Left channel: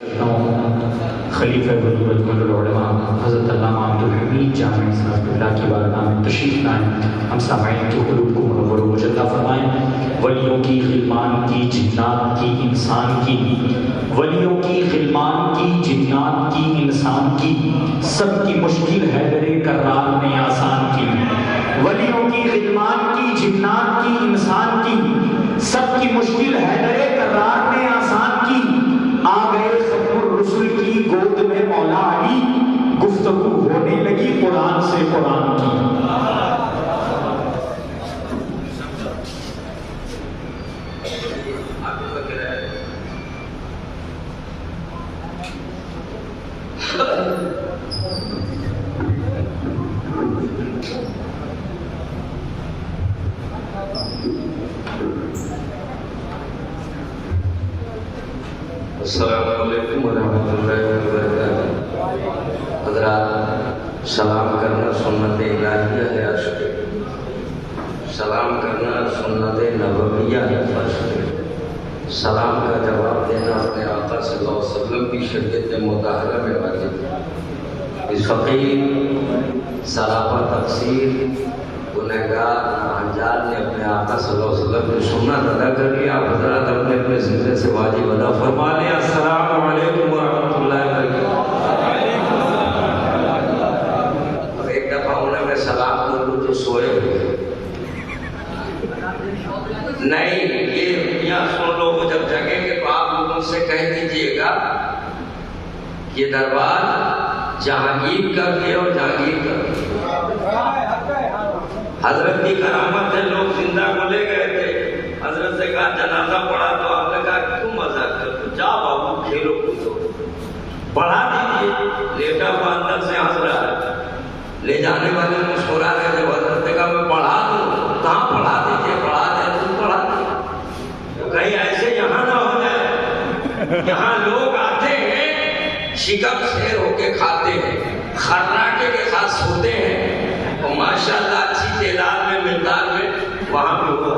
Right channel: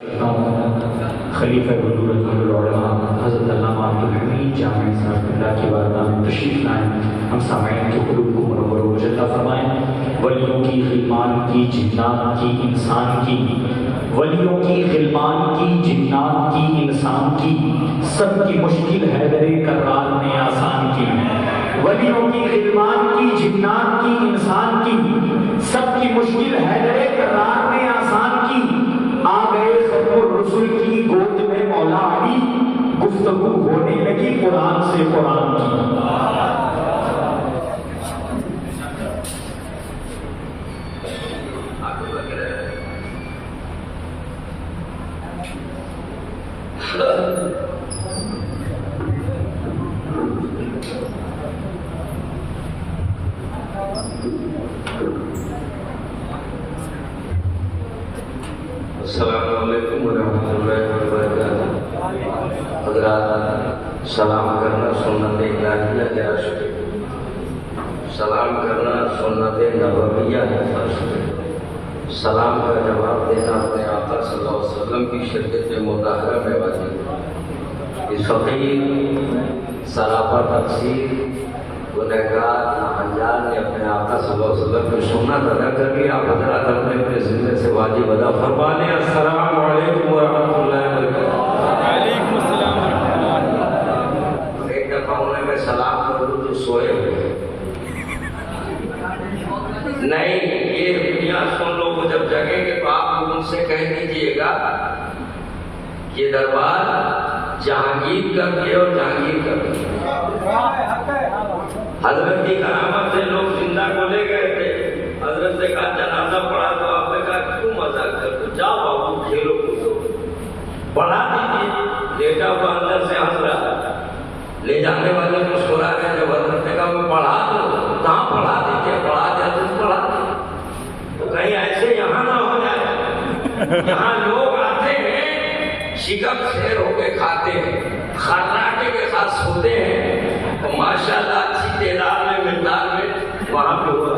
خلیفہ بلورت العلماء حضرت علامہ عبدالحمید جامعی صاحب اللہ کی بارگاہ میں تشریف لائیں. ہم سامعین تو قلوب کو منور و مجدہ فرمائیں. ولیوں کی غلمان کی جنات کی انسان کی، ولیوں کی غلمان کی جنات کی انسان کی، سب کی مشکل حیدر کرار نے آسان کی. ولیوں کی غلمان کی جنات کی انسان کی، سب کی مشکل حیدر کرار نے آسان کی. آ گئے ختم الرسل کی گود میں مولا علی، گفتگو ہونے لگی قرآن سے قرآن کی. السلام علیکم ورحمۃ اللہ وبرکاتہ. حضرات، سلام کرنا سنت الہیہ ہے عاشق، سلام کرنا سنت نبویہ ہے عاشق، سلام کا جواب دینا اپنے آقا صلی اللہ علیہ وسلم کی شریعت مطہرہ میں واجب. اس فقیر سراپا تقصیر گنہگار ناہنجار نے اپنے آقا صلی اللہ علیہ وسلم کی سنت ادا کر لیا. آپ حضرات اپنے اپنے زندے سے واجب ادا فرما لیں. السلام علیکم ورحمۃ اللہ وبرکاتہ. ایک دفعہ انہیں میں سلام کر دوں تو سوئے ہوئے نہیں. یہ سن لو، وہ جب جگیں گے تو آپ لوگ ان سے کہہ دیجئے گا یہ دربار جہانگیر کا بھی ہے اور جہانگیر کا بھی. حضرت کی کرامت سے لوگ زندہ کو لے گئے تھے. حضرت سے کہا جنازہ پڑھا تو آپ نے کہا کیوں مذاق کر دو، جاؤ بابو کھیلو کودو پڑھا دیجیے. لیٹا ہوا اندر سے ہنس رہا ہے، لے جانے والے مسکرا رہے تھے. حضرت نے کہا میں پڑھا دوں. کہاں پڑھا دیجیے، پڑھا دے تم پڑھا دو. کہیں ایسے یہاں نہ ہو جائے. یہاں لوگ آتے ہیں شکم شیر ہو کے کھاتے ہیں، خراٹے کے ساتھ سوتے ہیں، اور ماشاءاللہ تعداد میں مقدار میں وہاں پہ ہوا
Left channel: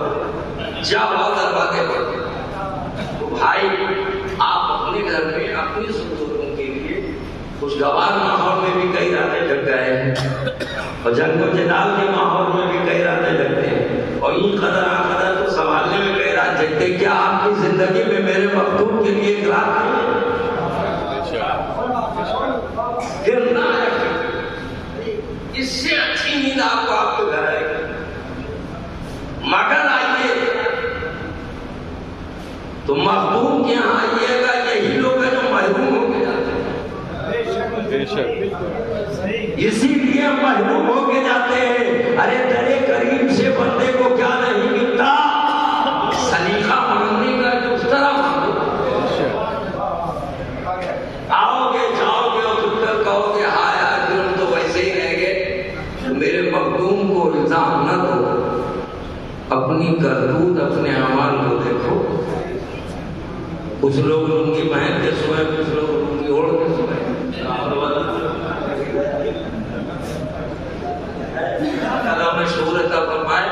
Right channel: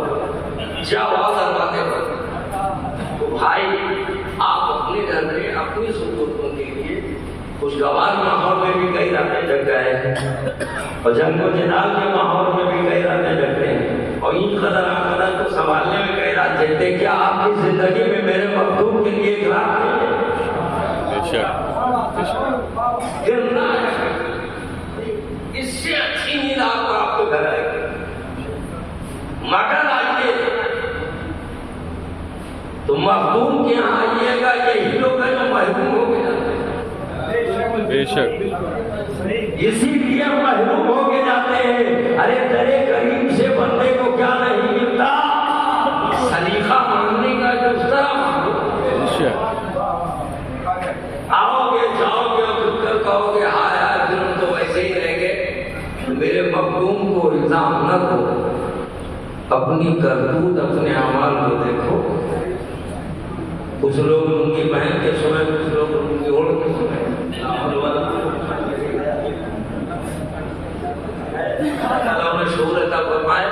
جب اور دروازے پر. تو بھائی آپ اپنے گھر میں اپنی ضرورتوں کے لیے خوشگوار ماحول میں بھی کئی راتیں جگ گئے ہیں، اور جنگ و جدال کے ماحول میں بھی کئی راتیں جگتے ہیں، اور این قدر آقدر کو سنبھالنے میں کئی رات جگتے. کیا آپ کی زندگی میں میرے مخدوم کے لیے ایک رات نہیں ہے؟ اس سے اچھی نیند آپ کو آپ کے گھر آئے گی. مگر آئیے تو مخدوم کے یہاں آئیے گا. یہی لوگ ہیں جو محروم ہو کے جاتے ہیں. بے شک اسی لیے محروم ہو کے جاتے ہیں. ارے درے کریم سے بندے کو کیا نہیں ملتا، سلیقہ مانگنے کا جو اس طرح مانگو. آؤ گے جاؤ گے اور خود کر کہو گے ہاں یار تم تو ویسے ہی رہ گئے. میرے مخدوم کو الزام نہ دو، اپنی کرتوت اپنے اعمال کو دیکھو. کچھ لوگ لنگی پہن کے سوئے، کچھ لوگ لنگی اوڑھ کے سوئے. اللہ میں شعور عطا فرمائے.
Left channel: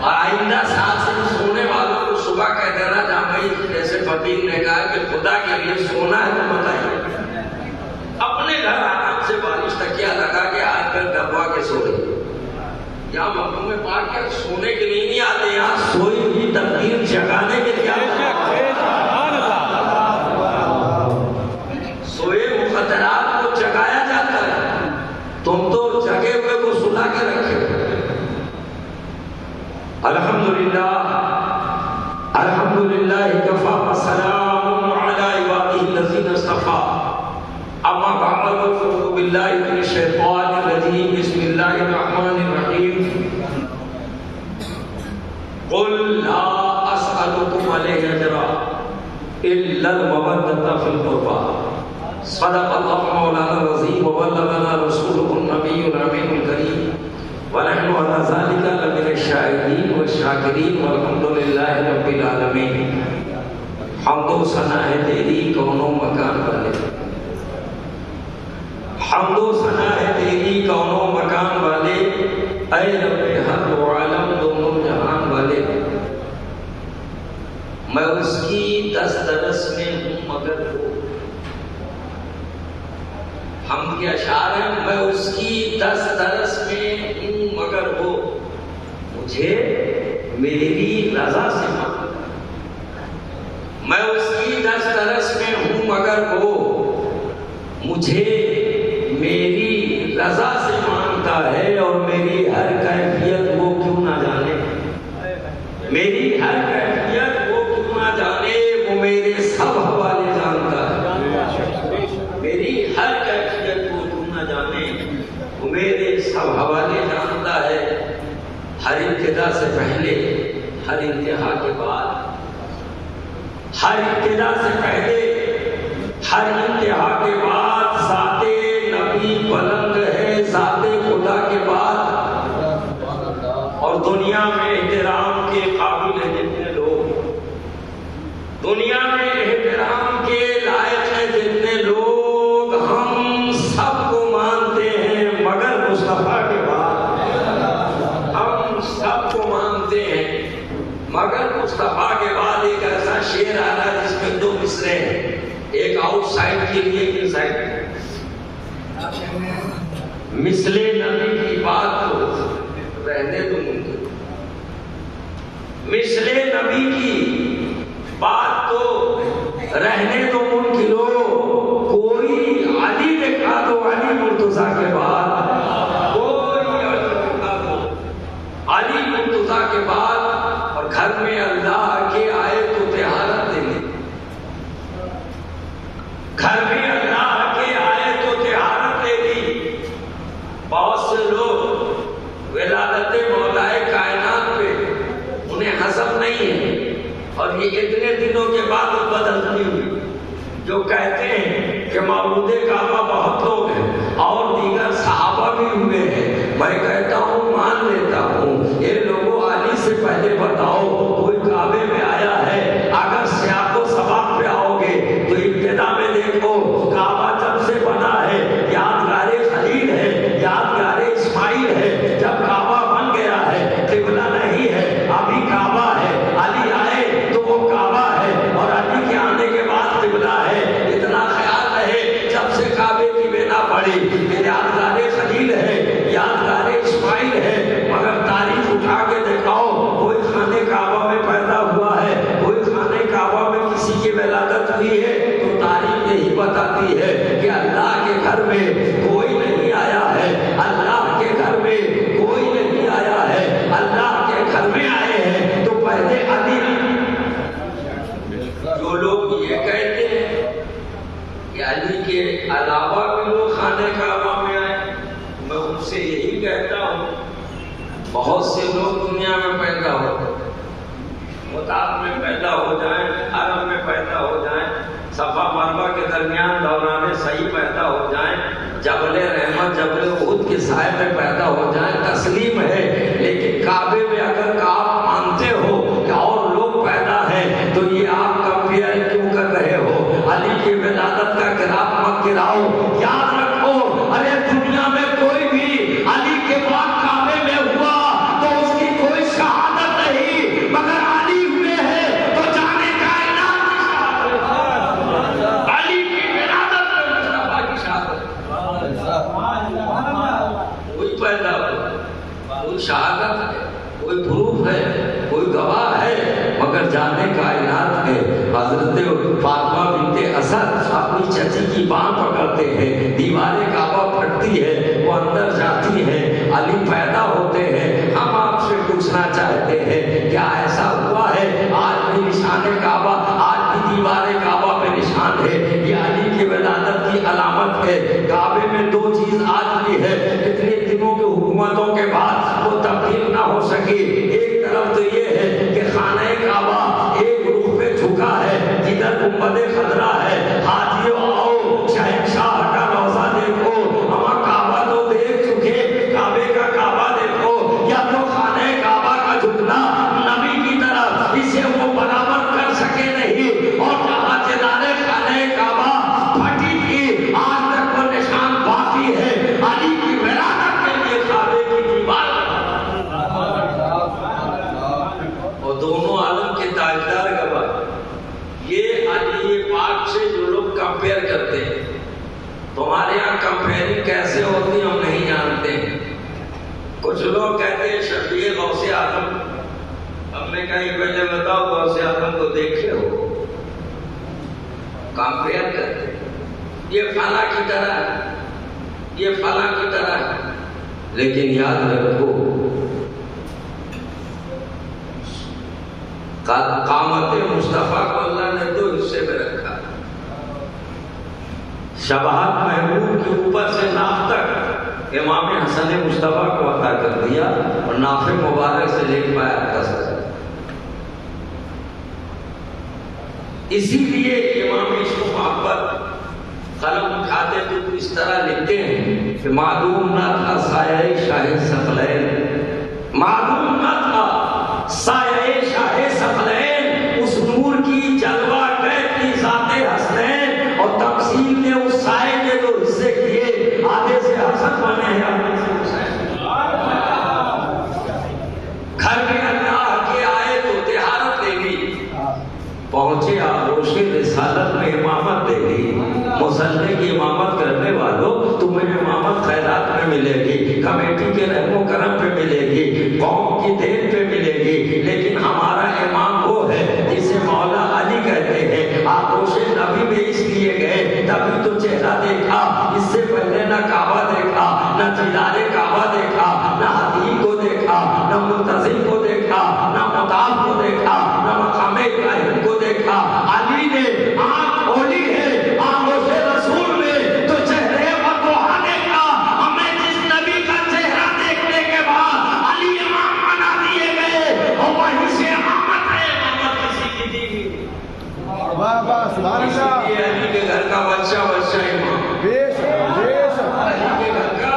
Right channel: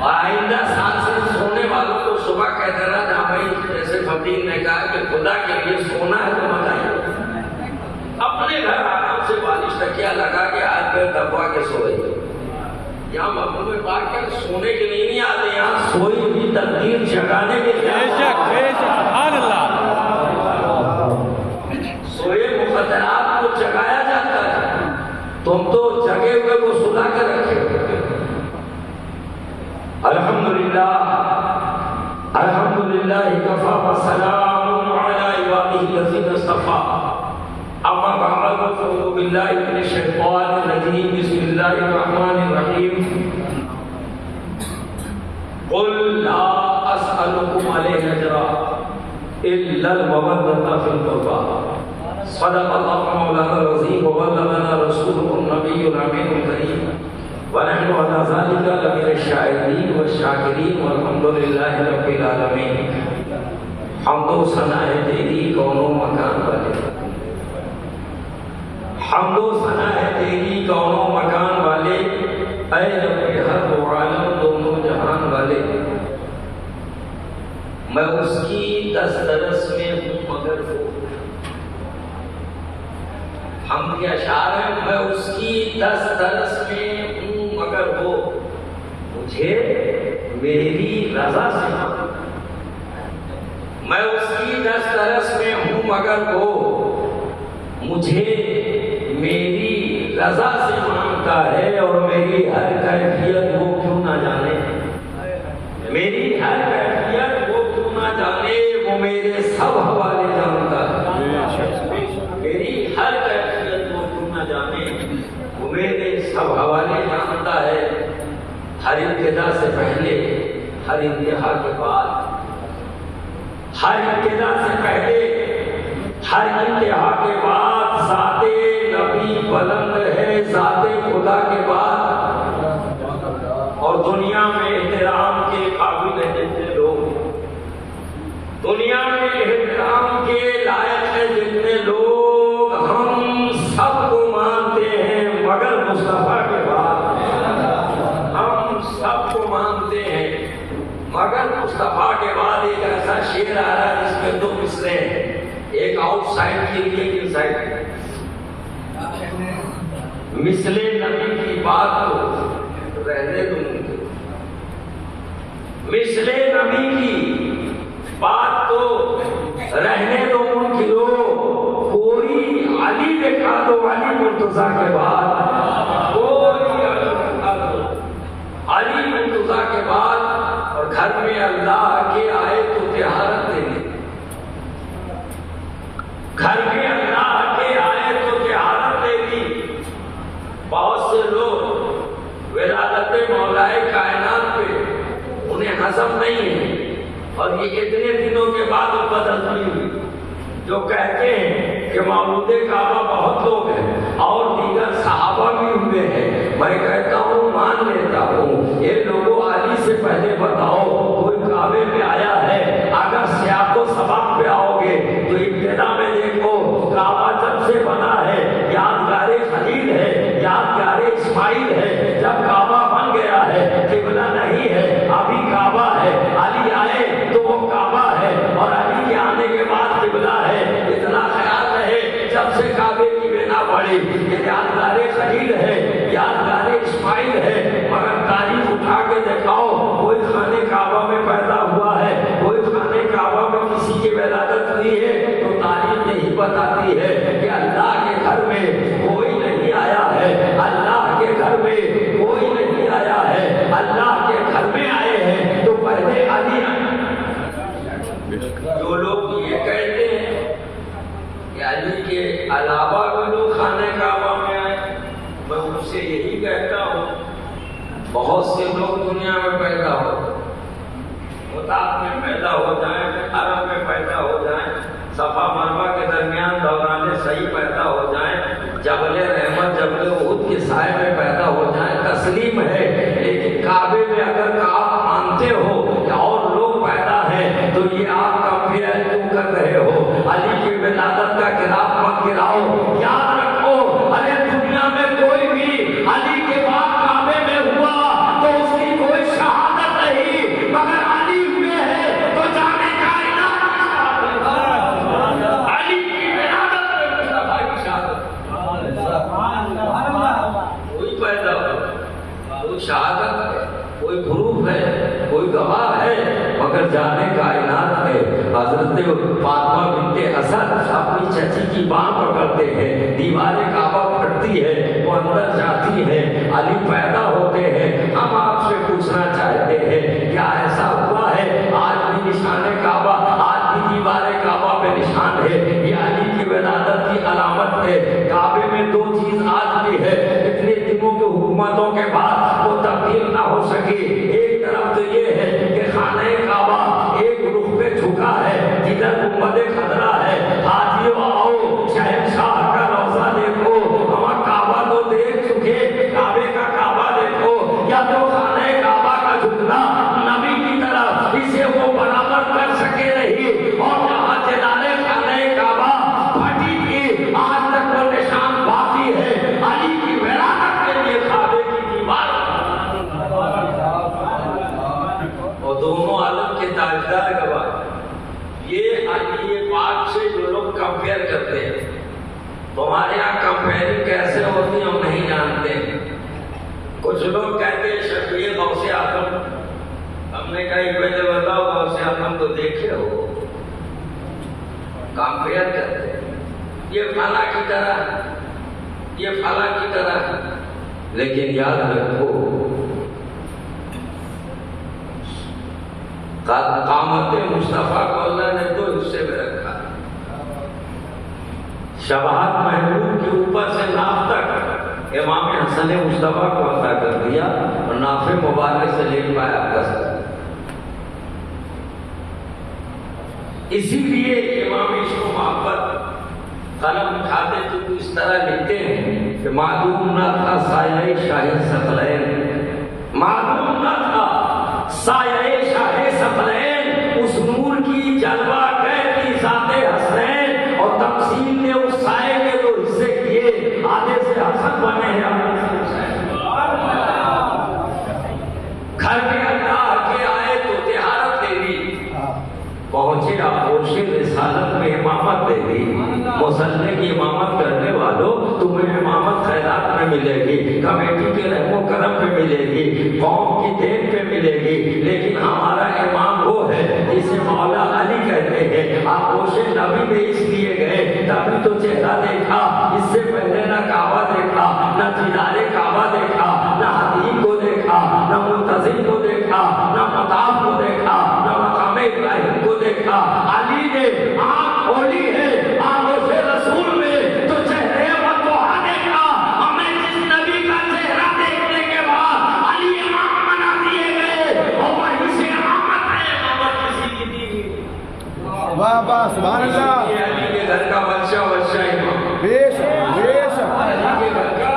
اور آئندہ سال سے سونے والوں کو صبح کہہ دینا جہاں بھائی جیسے فقیر نے کہا کہ خدا کے لیے سونا ہے تو بتائیے. اپنے گھر آرام سے بالش تکیہ لگا کے ہاتھ پہ دبا کے سوئے. یہاں مقام پاک کیا سونے کے لیے نہیں آتے، یہاں سوئی ہوئی تقدیر جگانے کے لیے سوئے مقدرات کو جگایا جاتا ہے. تم تو جگے ہوئے کو سلا کے رکھے. الحمدللہ الحمدللہ کفا وسلام علی عبادہ الذین اصطفیٰ. اما بعد فاعوذ باللہ من الشیطان الرجیم. بسم اللہ الرحمن الرحیم. قل لا اسألكم علیہ اجرا الا المودۃ فی القربى. صدق اللہ مولانا العظیم وبلغنا رسولہ النبی الامین الکریم ونحن علی ذلک لمن الشاہدین والشاکرین والحمد للہ رب العالمین. حمد و ثنا ہے تیری کون و مکان والے، حمد و ثنا ہے تیری کون و مکان والے. اے رب حق و عالم دونوں جہان والے. میں اس کی دسترس میں ہوں مگر وہ ہم کے اشعار ہیں، میں اس کی دسترس میں ہوں مگر وہ مجھے میری رضا سے مانتا، میں اس کی دسترس میں ہوں مگر وہ مجھے میری رضا سے مانتا ہے، اور میری ہر کیفیت وہ کیوں نہ جانے، میری ہر کیفیت وہ کیوں نہ جانے، وہ میرے سب حوالے جانتا ہے، میری ہر کیفیت وہ کیوں نہ جانے، وہ میرے سب حوالے جانتا ہے، ہر ابتدا سے پہلے ہر انتہا کے بعد، ہر ابتدا سے پہلے ہر انتہا کے بعد، ذات نبی بلند ہے ذات خدا کے بعد، اور دنیا میں احترام کے قابل ہیں جتنے لوگ، دنیا میں احترام کے لائق ہیں جتنے لوگ، ہم سب کو مانتے ہیں مگر مصطفیٰ کے بعد، ہم سب کو مانتے ہیں مگر مصطفیٰ کے بعد۔ ایک ایسا شعر آ رہا ہے جس میں دو مصرے ہیں، ایک آؤٹ سائڈ کے لیے ایک ان سائڈ، مثل نبی کی بات تو رہنے دو ممکن، مثل نبی کی بات تو رہنے دو ممکن ہو، کوئی علی دکھا دو علی مرتضیٰ کے بعد، کوئی علی دکھا دو علی مرتضیٰ کے بعد، اور گھر میں اللہ کے آئے تو طہارت دینے، گھر میں اللہ کے آئے تو طہارت دے دی۔ بہت سے لوگ ولادت مولائے کائنات پہ انہیں ہضم نہیں ہے، اور یہ اتنے دنوں کے بعد وہ بدہضمی ہوئی، جو کہتے ہیں کہ مولود کعبہ بہت لوگ ہیں اور دیگر صحابہ بھی ہوئے ہیں، میں کہتا ہوں مان لیتا ہوں، یہ لوگوں علی سے پہلے بتاؤ کوئی کعبے میں آیا ہے؟ اگر سیاق و سباق پہ آؤ گے تو ابتدا میں دیکھو کعبہ جب سے بنا ہے یادگار خلیل ہے، یادگار اسماعیل ہے، جب کعبہ بن گیا ہے قبلہ نہیں ہے ابھی کعبہ ہے، علی آئے تو وہ کعبہ ہے، اور علی کے آنے کے بعد قبلہ ہے، اتنا خیال رہے جب سے کعبے کی بنا پڑی کہ یادگار خلیل ہے، یادگار اسماعیل ہے، مگر تاریخ اٹھا کے دکھاؤ کوئی خانے کعبہ میں پیدا ہوا ہے، کوئی خانے کعبہ میں کسی کی ولادت ہوئی ہے، تو تاریخ یہی بتاتی ہے کہ اللہ کے گھر میں کوئی نہیں آیا ہے، اللہ کے گھر میں کوئی نہیں آیا ہے، اللہ کے گھر میں آئے ہیں تو پہلے علی۔ جو لوگ یہ کہتے ہیں کہ علی کے علاوہ بھی لوگ خانے کعبہ میں آئے، میں ان سے یہی کہتا ہوں بہت سے لوگ دنیا میں پیدا ہو، متعب میں پیدا ہو جائیں، عرب میں پیدا ہو جائیں، صفا مروا کے درمیان دوران صحیح پیدا ہو جائیں، جبل رحمت جبل احد کے سائے میں پیدا ہو جائیں، تسلیم ہے، لیکن کعبے میں اگر آپ مانتے ہو کہ اور لوگ پیدا ہیں تو یہ آپ کمپیئر کیوں کر رہے ہو؟ علی کی ولادت کا خلاف مت گراؤ، یاد رکھو ارے دنیا میں کوئی بھی علی کے بعد کعبے میں ہوا تو اس کی کوئی شہادت نہیں، مگر علی ہوئے ہیں تو جانے کائنات کی شہادت، علی کی ولادت میں مصطفیٰ کی شہادت، کوئی پیدا ہوا، کوئی شہادت ہے، کوئی پروف ہے، کوئی گواہ ہے، مگر جانے کائنات میں حضرت فاطمہ بنت اسد اپنی چچی کی بانھ پکڑتے ہیں، دیوار کعبہ پھٹتی ہے، وہ اندر جاتی ہے، علی پیدا ہوتے ہیں۔ ہم آپ سے پوچھنا چاہتے ہیں کیا ایسا ہوا ہے آج بھی نشان کعبہ، آج بھی دیوار کعبہ میں نشان ہے، یہ علی کی ولادت کی علامت ہے۔ کعبے میں دو چیز آج بھی ہے، اتنے دنوں کے حکومتوں کے بعد وہ تبدیل نہ ہو سکی، ایک طرف تو یہ ہے کہ خانہ کعبہ ایک رخ پہ جھکا ہے، جدھر گنبد خضرا ہے، حاجیوں آؤ شہنشاہ کا روضہ دیکھو، ہم کعبہ تو دیکھ چکے، کعبے کا کعبہ یہ فلاں کی طرح، یہ فلاں کی طرح، لیکن یاد رکھو قامت مصطفیٰ کو اللہ نے دو حصے میں رکھا، شباہت محبوب کے اوپر سے ناف تک امام حسن مصطفیٰ کو عطا کر دیا اور ناف مبارک سے لے پایا دست۔ اسی لیے امام عشق و محبت قلم اٹھاتے تو اس طرح لکھتے ہیں کہ معدوم نہ تھا سایہ شاہ ثقلین، معدوم نہ تھا سایہ شاہ ثقلین، اس نور کی جلوہ قید کی ذات حسنین، اور تمثیل نے اس سائے کے دو حصے کیے، آدھے سے حسن بنے ہیں آدھے سے حسین۔ گھر میں اللہ کے آئے تو طہارت لے لی، پہنچے آغوش رسالت میں امامت دے دی، مسلح کی امامت کرنے والوں تمہیں امامت خیرات میں ملے گی، کمیٹی کے رحم و کرم پہ ملے گی، قوم کی دین پہ ملے گی، لیکن ہمارا امام وہ ہے جسے مولا علی کہتے ہیں۔ آغوش نبی میں اس لیے گئے تبھی تو چہرہ دیکھا، اس سے پہلے نہ کعبہ دیکھا، نہ دیدار کعبہ دیکھا، نہ حدیث کو دیکھا، نہ منتظم کو دیکھا، نہ مطاف کو دیکھا، نہ مقام ابراہیم کو دیکھا۔ علی نے آنکھ کھولی ہے آغوش رسول میں تو چہرے پر توحا دیکھا، ہمیں جس نبی کا چہرہ دیکھنے کے بعد علی امام بنا دیے گئے، اور وہیں سے امامت ہے، امامت کسی کی دی گئی۔ واہ واہ سبحان اللہ، یہ علی کے گھر کا بچہ بچہ امام، بے شک بے شک، علی کے گھر کا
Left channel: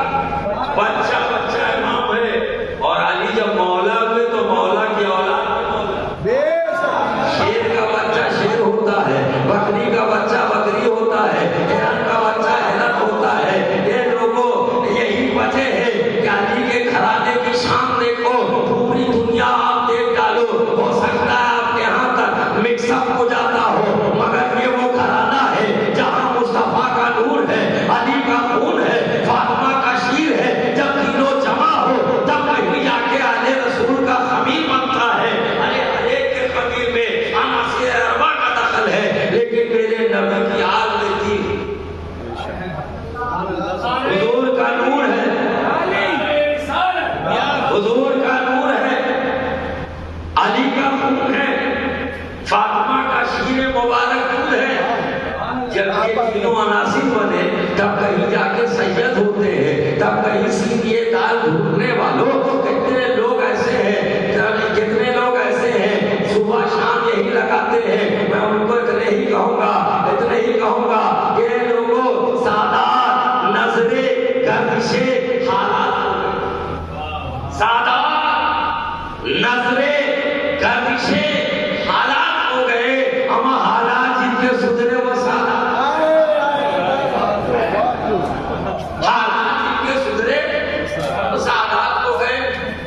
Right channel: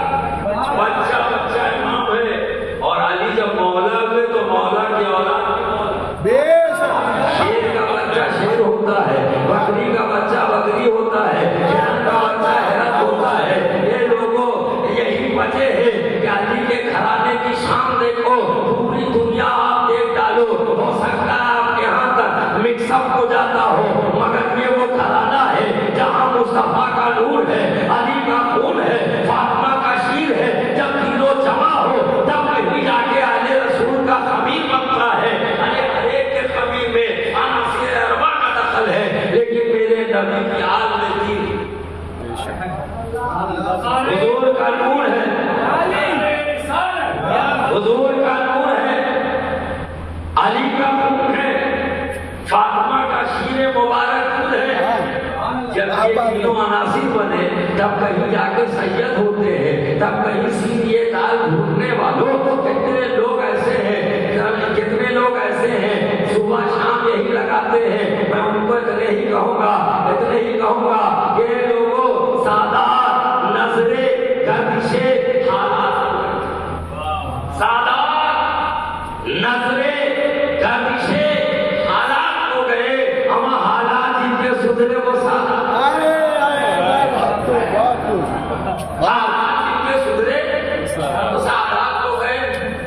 بچہ بچہ امام ہے، اور علی جب مولا ہوئے تو مولا کی اولاد میں مولا۔ بے شک، شیر کا بچہ شیر ہوتا ہے، بکری کا بچہ بکری ہوتا ہے، ہرن کا بچہ ہرن ہوتا ہے۔ یہ لوگوں یہی وجہ ہے کہ علی کے گھرانے کی شان دیکھو، پوری دنیا آپ دیکھ ڈالو، ہو سکتا ہے آپ کے ہاں تک مکس اپ ہو جاتا ہو، مگر یہ وہ گھرانہ ہے جہاں مصطفیٰ کا نور ہے، علی کا خون ہے، فاطمہ کا شیر ہے۔ جب تینوں جمع ہو تب کہیں جا کے اہل رسول کا خمیر بنتا ہے۔ ارے ہر ایک کے خمیر میں عناصر اربع کا دخل ہے، لیکن میرے نبی کی آل میں تین، حضور کا نور ہے، حضور کا نور ہے، علی کا خون ہے، فاطمہ کا شیر مبارک خود ہے۔ جب یہ تینوں عناصر بنے تب کہیں جا کے سید ہوتے ہیں، تب کہیں سیدھے دال ڈھونڈنے والوں کتنے لوگ ایسے ہیں، کتنے لوگ ایسے ہیں صبح شام یہی لگاتے ہیں۔ میں ان کو اتنے ہی کہوں گا کہ لوگوں سادات نظریں گردشیں حالات، سادات نظریں گردشیں حالات ہو گئے، ہم حالات جن کے سدھرے وہ سادات، حالات جن کے سدھرے وہ سادات ہو گئے۔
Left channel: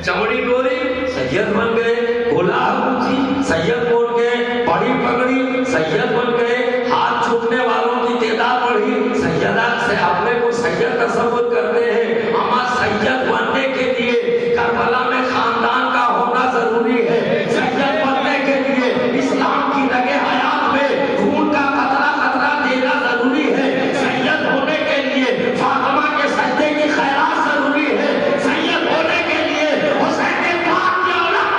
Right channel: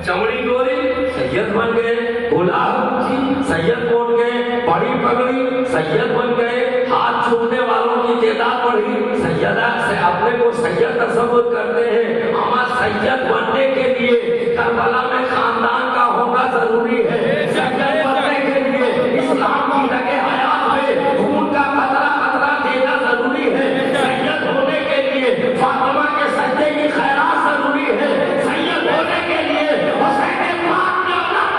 چمڑی گوری سید بن گئے، گلاب اونچی سید بن گئے، بڑی پگڑی سید بن گئے، ہاتھ چھوٹنے والوں کی تعداد بڑھی، سیدہ سے اپنے کو سید تصور کرتے ہیں۔ ہم سید بننے کے لیے کربلا میں خاندان کا ہونا ضروری ہے، سید بننے کے لیے اسلام کی لگے حیات میں خون کا قطرہ قطرہ دینا ضروری ہے، سید ہونے کے لیے فاطمہ کے سجدے کی خیرات ضروری ہے، سید ہونے کے لیے حسین پاک کی اولاد۔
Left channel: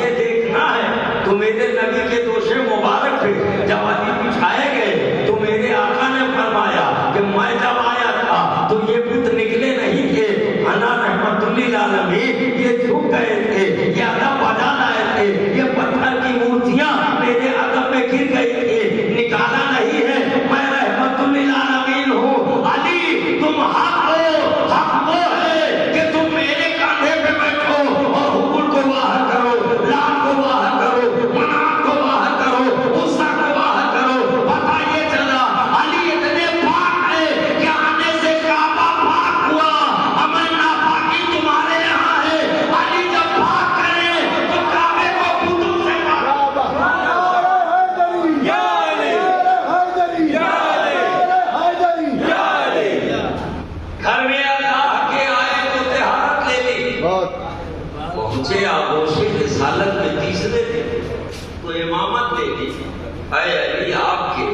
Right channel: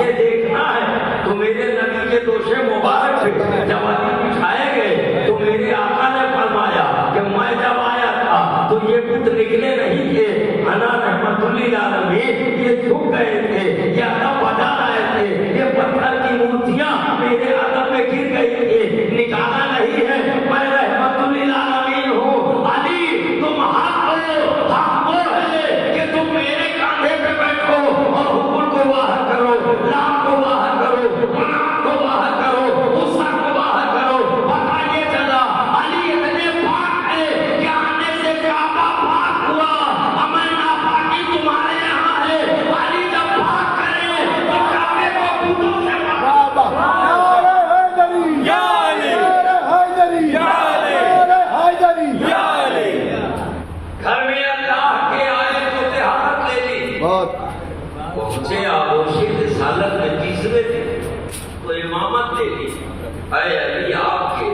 یہ دیکھنا ہے تو میرے نبی کے دوشے مبارک تھے، جب علی بچھائے گئے تو میرے آقا نے فرمایا کہ میں جب آیا تھا تو یہ بت نکلے نہیں تھے، انا رحمت للعالمین، یہ جھک گئے تھے، یہ ادب بجا رہے تھے، یہ پتھر کی مورتیاں میرے ادب میں گر گئی تھی، نکالا نہیں ہے، میں رحمت للعالمین ہوں۔ علی تم حق ہو، حق وہ ہے کہ تم میرے پہنچے آغوش رسالت میں تیسرے دن تو امامت لے لی. اے علی آپ کے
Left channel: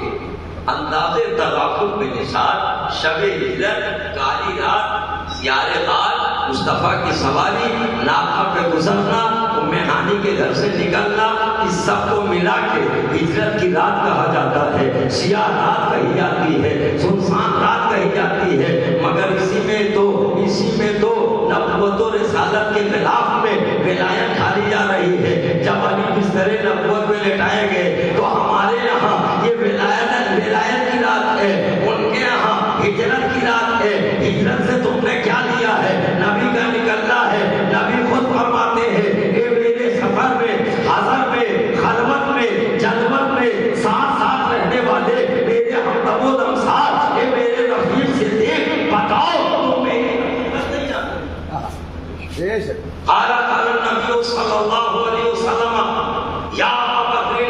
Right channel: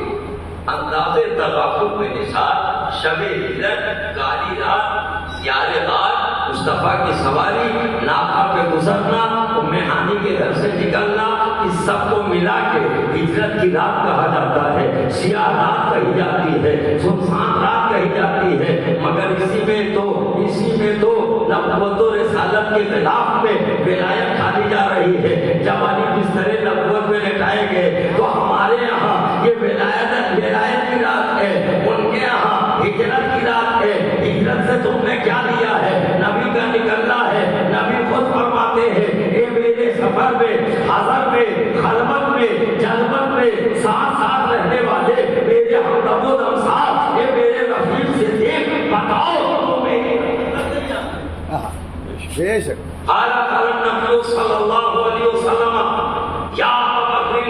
انداز تغافل میں نثار، شب ہجرت، کالی رات، زیارے غار، مصطفیٰ کی سواری، ناقہ پہ گزرنا، ام ہانی کے گھر سے نکلنا، اس سب کو ملا کے ہجرت کی رات کہا جاتا ہے. سیاہ رات کہی جاتی ہے، سنسان رات کہی جاتی ہے، مگر اسی میں تو نبوت و رسالت کے خلاف میں ولایت کھالی جا رہی ہے. جب علی بستر نبوت میں لٹائے گئے تو ہمارے یہاں یہ ولایت کی رات ہے، ان کے یہاں ہجرت کی رات ہے. ہجرت سے تم نے کیا لیا ہے؟ نبی کا نکلنا ہے. نبی خود فرماتے ہیں اے میرے سفر میں، حضر میں، خلوت میں، جلوت میں ساتھ ساتھ رہنے والے میرے ہمدم و دمسار، اے میرے رفیق صدیق، بتاؤ تو میری بے شک. قال النبی صلی اللہ علیہ وسلم یا ابا بکر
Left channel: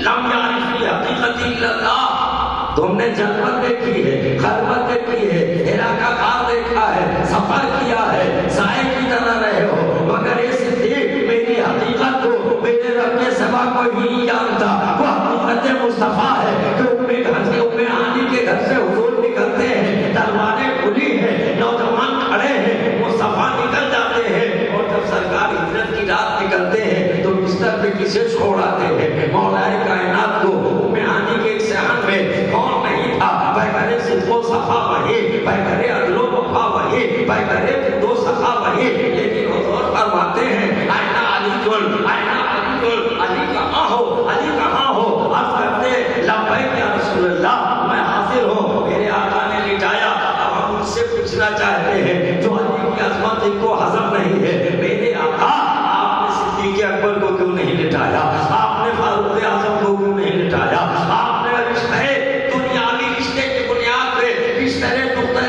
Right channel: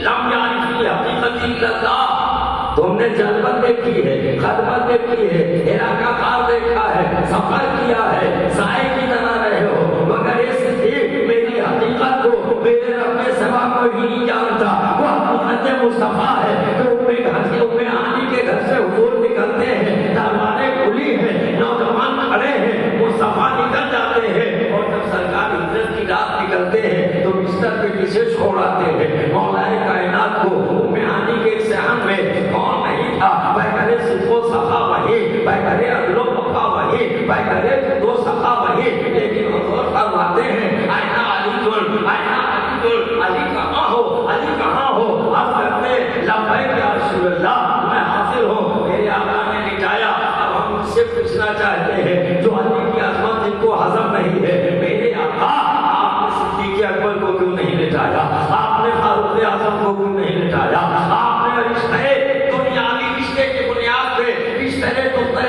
لم یعرف حقیقت الا اللہ. تم نے جلوت دیکھی ہے، خلوت دیکھی ہے، ہرا کا غار دیکھا ہے، سفر کیا ہے، سائے کی طرح رہے ہو، مگر یہ صدیق میری حقیقت کو میرے رب کے سوا کوئی نہیں جانتا. وہ حضرت مصطفیٰ ہے کہ ام ہانی کے گھر سے حضور نکلتے ہیں، تلواریں کھلی ہیں، نوجوان کھڑے ہیں، مصطفیٰ نکل جاتے ہیں، اور جب سرکار ہجرت کی رات نکلتے ہیں تو بستر پہ کسے چھوڑاتے ہیں؟ مولا کائنات کو. ام ہانی کے ایک صحن میں کون نہیں تھا؟ پیغمبر صدق و صفا وہی، پیغمبر عدل و وفا وہی، پیغمبر دو صفا وہی، لیکن حضور فرماتے ہیں آئینہ علی جل، آئینہ علی جل، علی کہاں ہو، علی کہاں ہو؟ عرض کرتے لبیک یا رسول اللہ، میں حاضر ہوں. میرے آقا نے لٹایا. اب ہم ان سے پوچھنا چاہتے ہیں جو علی کی عظمت جن کو ہضم نہیں ہے، میرے آقا آپ نے صدیق اکبر کو کیوں نہیں لٹایا؟ آپ نے فاروق اعظم کو کیوں نہیں لٹایا؟ آپ نے رشتے دنیاوی رشتے کی بنیاد پہ،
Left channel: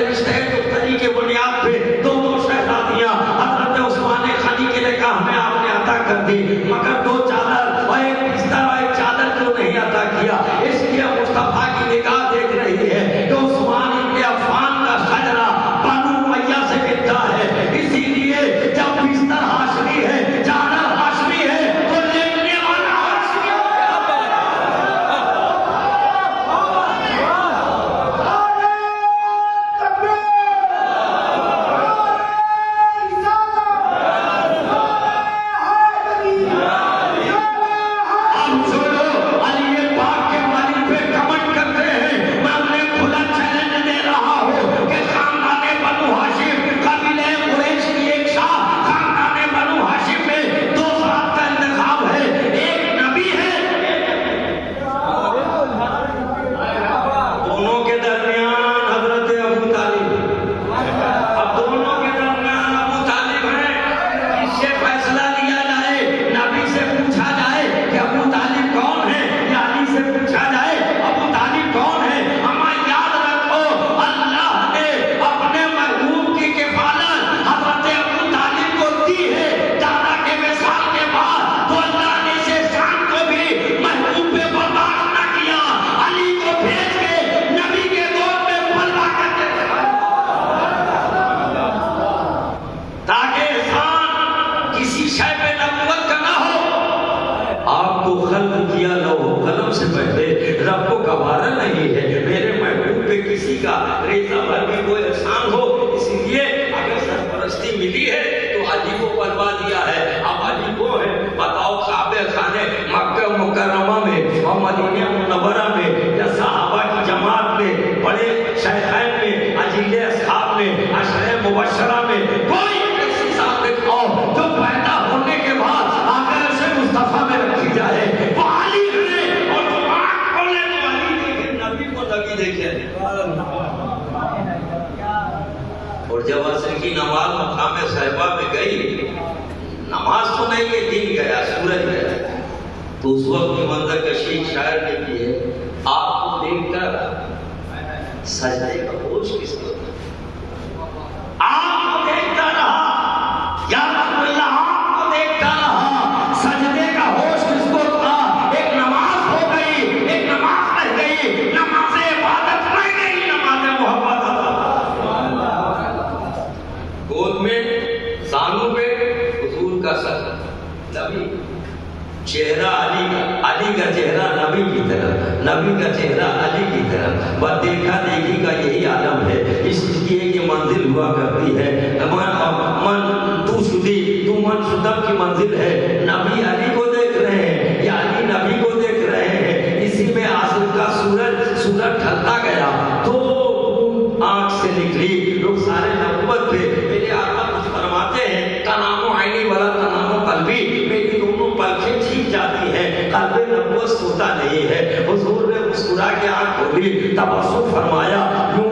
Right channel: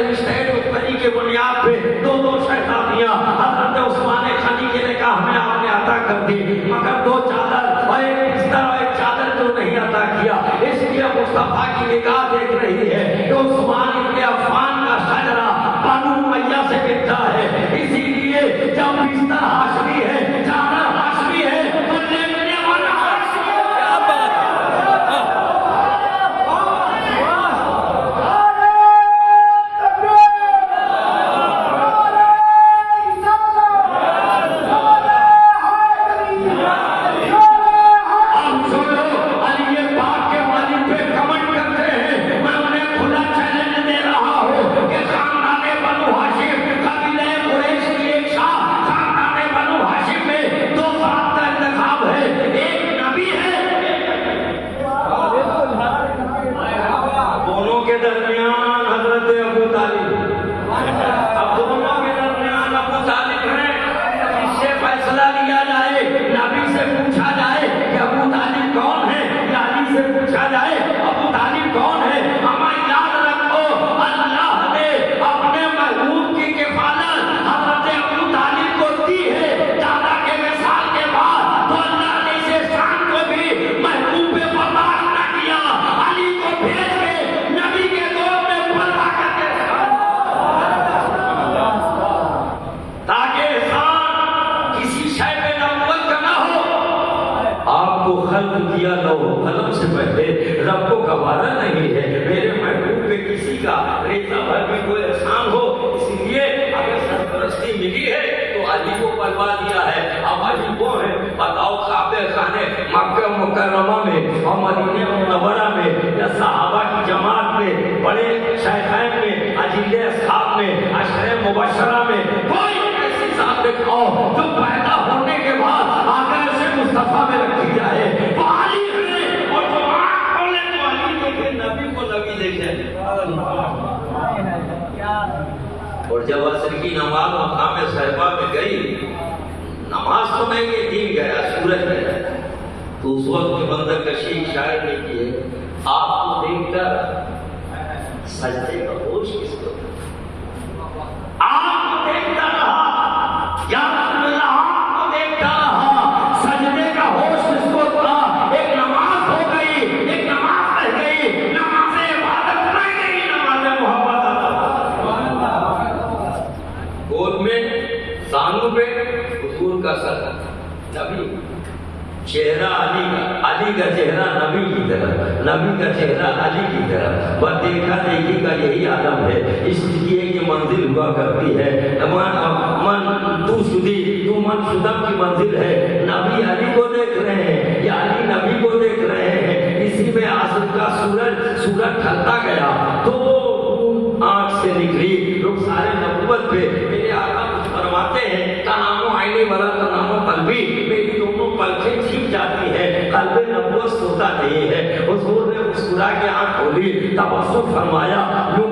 رشتے دختری کے بنیاد پہ دو شہزادیاں حضرت عثمان غنی کے نکاح میں آپ نے عطا کر دی، مگر دو چادر اور ایک بستر اور ایک چادر کیوں نہیں عطا کیا؟ اس لیے مصطفیٰ کی نگاہ دیکھ رہی ہے کہ عثمان ابن عفان کا شجرہ بنو امیہ سے ملتا ہے. اسی لیے جب بستر ہاشمی ہے، چادر ہاشمی ہے، تو لیٹنے والا ہاشمی ہے. ہم جو لوگ علی پاک کے والد پہ کمنٹ کرتے ہیں، میں انہیں کھلا چیلنج دے رہا ہوں کہ خاندان بنو ہاشم، قبیلہ قریش کی ایک شاہ، خاندان بنو ہاشم میں دو افراد کا انتخاب ہے، ایک نبی ہے، دونوں کے درمیان حضرت ابو طالب. اب دونوں کے درمیان ابو طالب ہے. اس سے فیصلہ لیا جائے، نبی سے پوچھا جائے کہ ابو طالب کون ہے، یا علی سے پوچھا جائے ابو طالب کون ہے. ہمیں یاد رکھو اللہ نے اپنے محبوب کی کفالت حضرت ابو طالب کو دی ہے. دادا کے وصال کے بعد تو اللہ نے اس احسان کو بھی محبوب پہ برداشت نہ کیا، علی کو بھیج کے نبی کے دور میں بلوا کر کے تاکہ احسان کسی شے پہ نبوت کا نہ ہو. آپ کو خلق کیا لوح قلم سے پہلے، رب کو گوارا نہیں ہے میرے محبوب پہ کسی کا ریزہ بھر بھی کوئی احسان ہو. اسی لیے اگر سرپرستی ملی ہے تو علی کو بلوا دیا ہے. اب علی وہ ہے، بتاؤ کعبہ خانے مکہ مکرمہ میں اور مدینہ منورہ میں یا صحابہ کی جماعت میں، بڑے شیخین میں، اجل اصحاب میں، عشرہ مبشرہ میں کوئی ایسی ذات دکھاؤ جو پیدا ہونے کے بعد آخر سے مصطفیٰ میں رکھی جائے. وہ علی ہے. اور جو آنکھ کھولے تو علی دیکھے، نبی کو نبی دیکھے. اور جب عصر کی نماز مقام صحابہ میں گئی، نماز تو نہیں، یہ دن گیا، سورج گیا، تو اس وقت کی منظر کشی شاعر نے کی ہے، آپ کو دیکھ کر سجدے کا ہوش کس کو تھا؟ آپ کو دیکھتا رہا یا رسول اللہ، آپ کو دیکھتا رہا، سجدے کا ہوش کس کو تھا؟ ایک نماز ہو گئی، ایک نماز رہ گئی، نماز عبادت رہ گئی، نماز محبت گود میں، زانوں پہ حضور کا سر. نبی چہرہ علی کا چہرہ نبی کی طرح، نبی کا چہرہ علی کی طرح، بس دیکھا دیکھی کا یہی عالم ہے، اس لیے یہ منزل ہوا کرتی ہے، تو من شدم کی منزل ہے، نبی علی کو دیکھ رہے ہیں یا علی نبی کو دیکھ رہے ہیں، اسی میں عصر کا سورج ڈھلتا گیا تو آنکھ سے نکلی، لوگ سارے نبوت پہ میرے آقا کچھ فرماتے ہیں، تنام عینی ولا تنام قلبی، میری دونوں پلکیں چھپ جاتی ہے، قلب نبوت سوتا نہیں ہے، حضور نے مسکرا کے آنکھ کھولی، تبسم فرمایا، یوں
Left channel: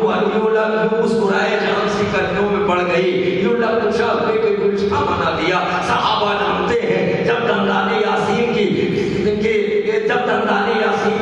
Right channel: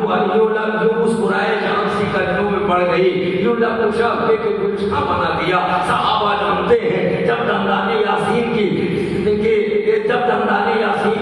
مسکرائے جان سی کرنوں میں پڑ گئی، یوں لب شاہ کے گلشتہ بنا دیا، صحابہ جانتے ہیں جب دندان یاسین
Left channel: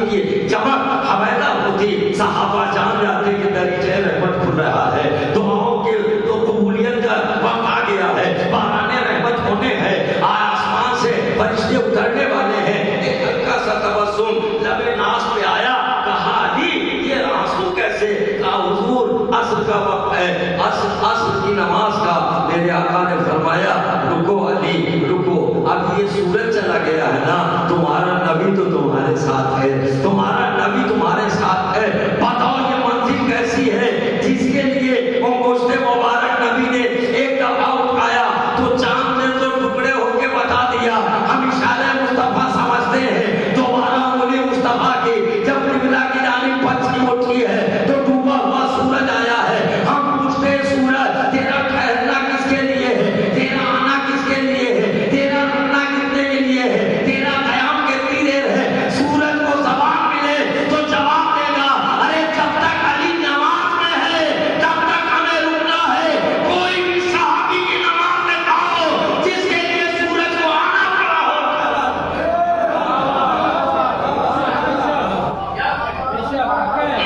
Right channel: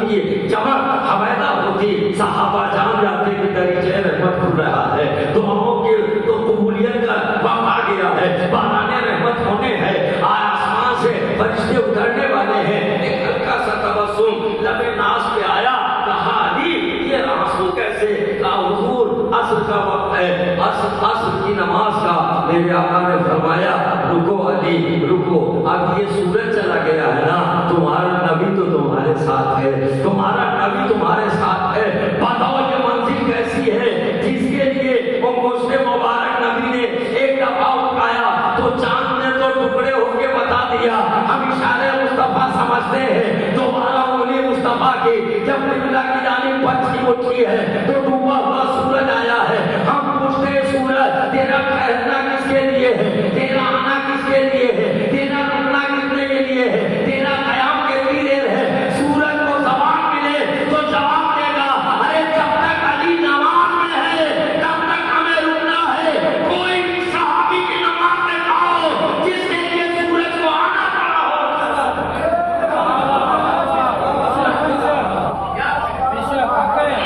کی چمک حویدہ ہوتی، صحابہ جان جاتے کہ دریچہ رحمت کھل رہا ہے، دعاؤں کے تو قبولیت کا وقت آ گیا ہے، باران رحمت ہونے ہے، آسمان سے فرشتے اترنے والے ہیں، ایک ہلکا سا تبسم لب ناز پہ آیا، کہا علی یہ آنسو کیسے؟ کہا حضور عصر کا وقت ہے، عصر کی نماز کا، میرے آقا نے فرمایا رکو علی رکو، اب یہ سورج چلا گیا ہے نا، تمہارا نبی تو تمہارے ساتھ ہے، تمہارا نبی تمہارے ساتھ ہے، بتاؤ یہ منزل کیسی ہے جس کے لیے وہ گوشت مبارک نبی نے ایک دفعہ اٹھایا تو چاند نے تو ٹکڑے ہو کے بتا دیا، ہم اشارے مصطفیٰ سمجھتے ہیں، دوبارہ انہیں مصطفیٰ کی جب قبلہ کی جانب پچھی اٹھی ہے تو ڈوبا ہوا سورج آیا ہے، ہم پوچھتے ہیں سورج تیرا ٹھہرنا کس کے لیے ہے، تیرا آنا کس کے لیے ہے، تیرا رکنا کتنے کے لیے ہے، تیرا قیام کتنی دیر ہے؟ سورج کو زبان ملے تو جواب دے گا، ارے جب تک علی نماز میں ہے تب تک ہمیں رکنا ہے، کوئی بھی صحابی کی نماز میں کہو جس کے لیے سورج کو آنا پڑا ہو،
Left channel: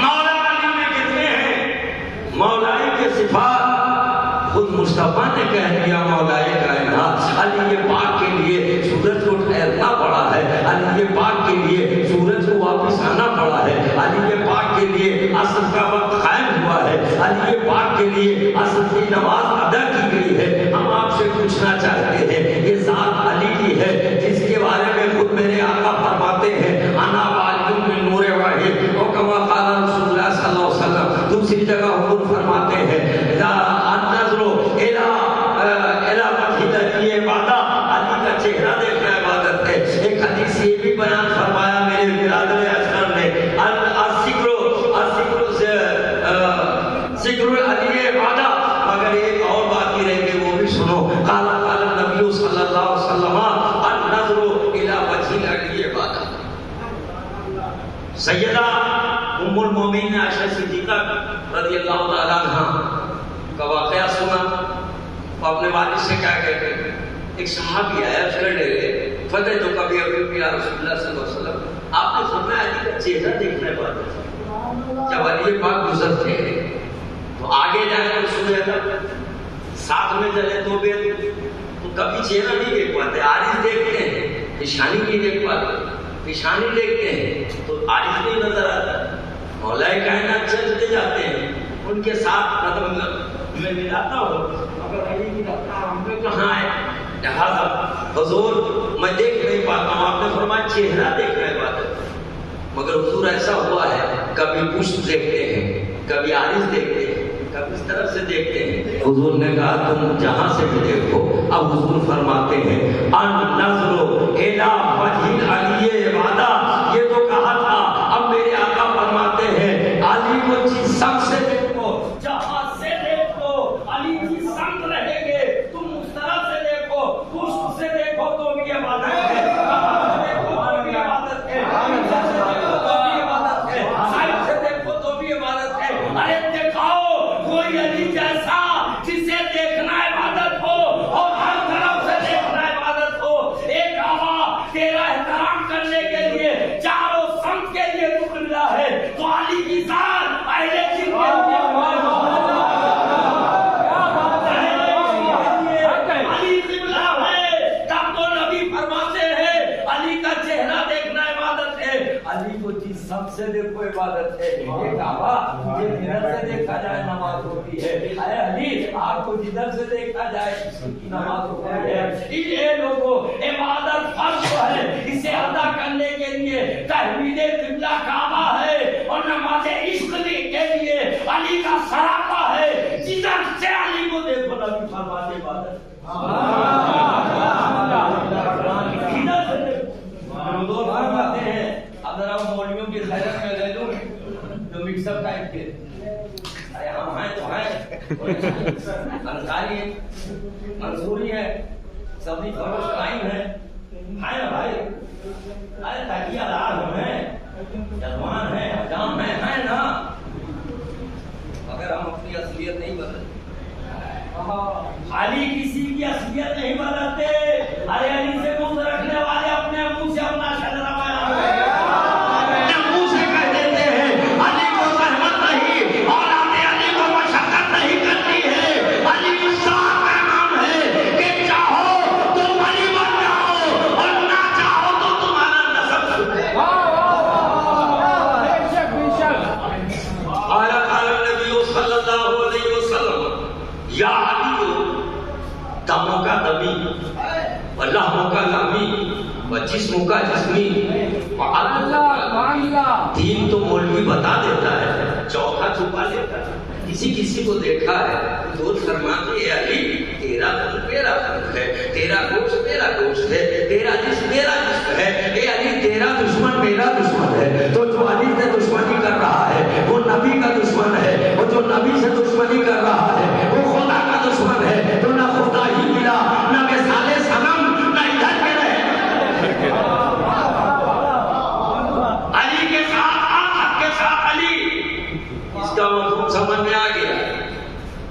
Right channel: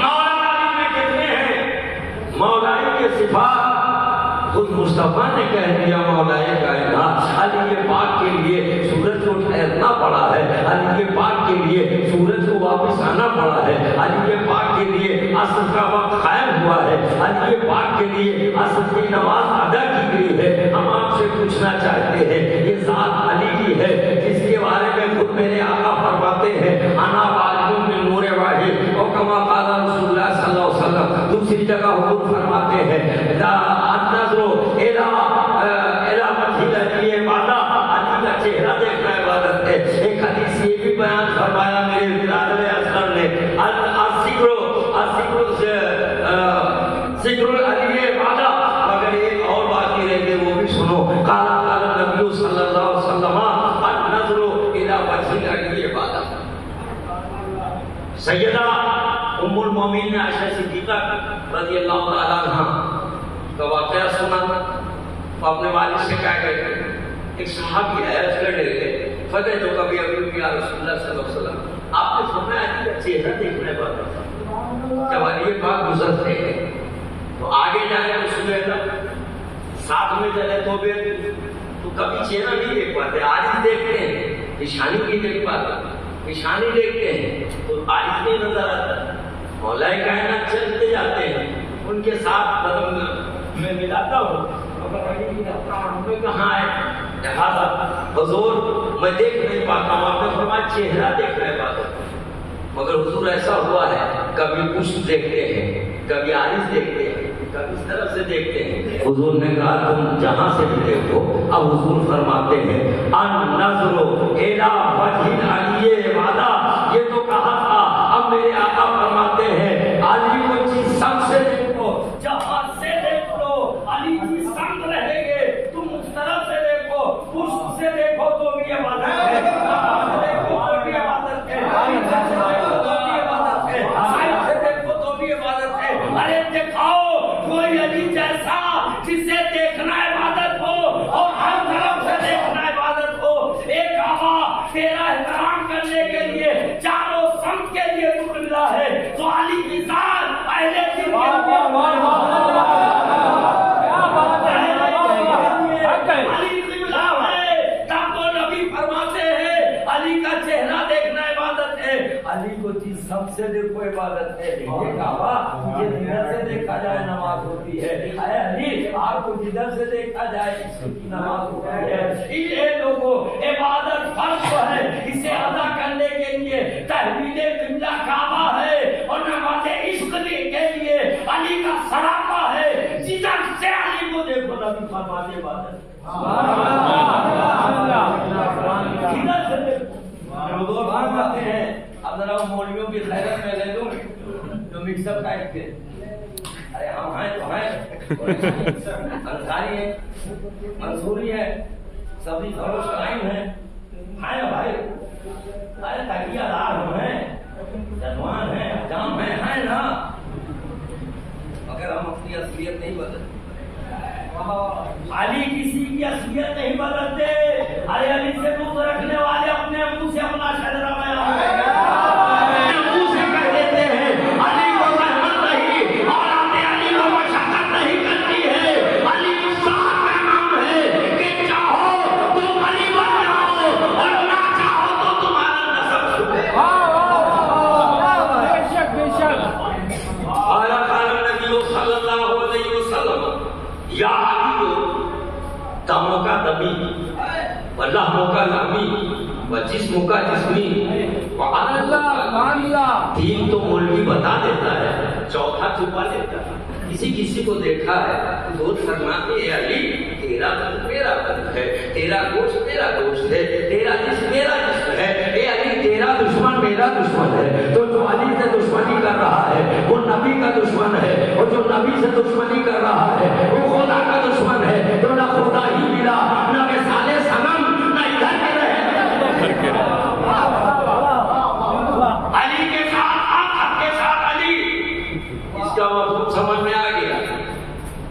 مولا علی میں کتنے ہیں؟ مولائی کے صفات خود مصطفیٰ نے کہہ دیا، مولائی کائنات، علی پاک کے لیے سورج کو ٹھہرنا پڑا ہے، علی پاک کے لیے سورج کو واپس آنا پڑا ہے، علی پاک کے لیے عصر کا وقت قائم ہوا ہے، علی پاک کے لیے عصر کی نماز ادا کی گئی ہے۔ ہم آپ سے پوچھنا چاہتے ہیں، یہ ذات علی کی ہے جس کے بارے میں خود میرے آقا فرماتے ہیں، انا والد من نور واحد، اور کما قال رسول اللہ صلی اللہ علیہ وسلم، دوسری جگہ حضور فرماتے ہیں النظر الی وجہ الذی عبادہ، علی کا چہرہ دیکھنا عبادت ہے۔ ایک حدیث یہ بھی بیان فرمایا میرے برادر اصغر نے، ذکر علی عبادہ، مگر ایک اور بات بھی رہ گئی، وہ بھی سنو، قال نبی صلی اللہ علیہ وسلم النظر الی وجہ علی عبادہ۔ سیدہ ام المومنین عائشہ صدیقہ رضی اللہ تعالیٰ عنہ کا واقعہ سنا، اپنے والد سے کہا کہ ایک صحابی آیا، اس کا ڈیرے فتح جو کبھی ابھی یا رسول اللہ صلی اللہ علیہ وسلم، آپ نے فرمایا علی کا چہرہ دیکھنے والا، جب علی پاک گزرتے ہیں تو آگے جانے کو سنے تھا، ساتھ میں چلے تو کبھی چہرہ نہیں دیکھ پاتے، عارض دیکھتے ہیں، نشانی نہیں دیکھ پاتے، نشانی دیکھتے ہیں تو عارض نہیں نظر آتا، مولا کائنات چلتے جاتے ہیں، ان کے ساتھ قدم میں ملاتا ہو، اگر علی کی ہم نے کہاں ہے، لہذا حضور میں دیکھ نہیں پاتا ہوں، آپ نے فرمایا چہرہ دیکھنا ہے بات، مگر حضور ایسا ہوا ہے کبھی پشت دیکھتے ہیں، کبھی عارض دیکھتے ہیں، کبھی اس طرف سے دیکھتے ہیں۔ حضور نے کہا تم جہاں سے بھی دیکھو، اب حضور فرماتے ہیں النظر الی وجہ علی عبادہ، یہ تو کہا تھا، اب میرے آقا فرماتے ہیں علی کو جس سم سے دیکھو، جہاں سے دیکھ لو، علی کی سمت رہے گے، تم اس طرف سے دیکھو، پشت سے دیکھو تو بھی عبادت ہے، دیکھو تو بھی عبادت ہے، دیکھو تو بھی عبادت ہے، سائڈ سے دیکھو تو بھی عبادت ہے۔ ارے دکھاؤ کوئی علی جیسا جسے دیکھنا عبادت ہو اور ہر طرف سے دیکھنا عبادت ہو، ایک ہوا تیرا احترام کرنے کے لیے چاروں سمت کے لیے تو ملا ہے، تو علی کی ذات اہل جن کے لیے علی قبلہ ہے، تب تو نبی فرماتے ہیں علی کا چہرہ دیکھنا عبادت ہے، علی کو جس سب سے دیکھو عبادت ہے۔ یہ کعبہ یہ جدھر سے دیکھا جائے نماز ہوتی ہے، اے علی آپ کو جدھر سے دیکھا جائے اس کی نماز ہوتی ہے۔ یہ لوگوں عبادت کرنے کے لیے تحویل قبلہ کعبہ ہے اور نماز عشق کے لیے علی کا سراپا ہے. جدھر سے علی کو دیکھو نبی فرماتے عبادت. جدھر سے دیکھو فرماتے ہیں. اب ذرا مولویوں کی خیرت میں لے لوں جو مکس اپ ٹائپ کے. ارے ہم ہیں تو ہیں, انصاری ہیں, منصوری ہے, سبزی فروش قائم ہے نا بھائی. ارے تکیہ دار ہم ہیں, جذوان ہیں, حجام ہیں نا, مگر ہم اپنی اصلیت نہیں بدلتے. علی کسی کی اصلیت نہیں بدلتے. ارے علی سے منہ رکھنے والے اپنے منہ سے اپنا شجرہ بیان جسم کا جسمی. تین تو مولوی بتا دیتا ہے, چوتھا چھپا لیتا ہے. کسی کو دیکھا ہے دوست فرماتے ہیں علی تیرا خون میرا خون ہے, تیرا گوشت میرا گوشت ہے, تیرا جسم میرا جسم ہے. اے علی تیرا دشمن میرا دشمن ہے. تو جو علی سے دشمنی کر رہا ہے وہ نبی کا دشمن ہے, اور جو نبی سے دشمنی کر رہا ہے وہ خدا کا دشمن ہے. تو نہ خدا ہی ملا نہ مثال صنم نہ ادھر کے رہے. علی کے ساتھ حق کے ساتھ علی. اس کا مفہوم سمجھ میں آ گیا.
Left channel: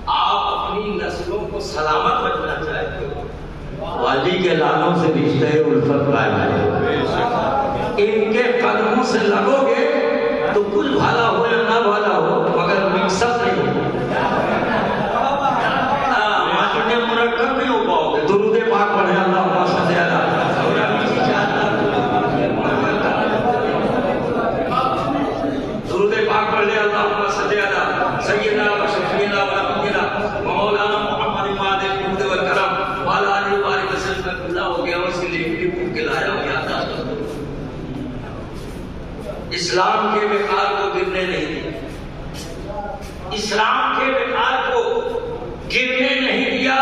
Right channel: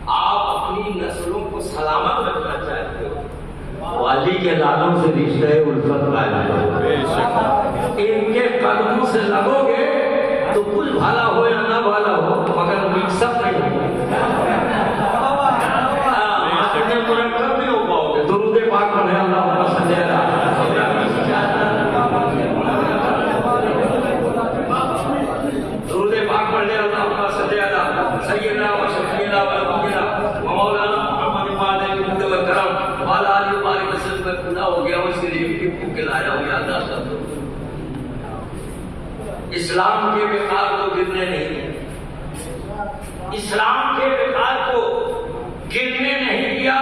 آپ اپنی نسلوں کو سلامت رکھنا چاہتے ہو, علی کے لالوں سے رشتہ الفت قائم ہے. ان کے قدموں سے لگو گے تو کچھ بھلا ہو یا نہ بھلا ہو مگر مکس اپ نہیں ہو. مرکب نہیں ہو پاؤ گے. درود پاک پڑھے اللہم صلی علی درود پاک پڑھے اللہم صلی علی سیدنا و شفیعنا و نبینا مولانا محمد مالک و کرم والا علی بارک وسلم. کھلا ہو گیا اس کے لیے ٹپ کے لایا ہو گیا. اسلام کے وقار کو گرنے نہیں دیا, اسلام کے وقار کو گرنے نہیں دیا.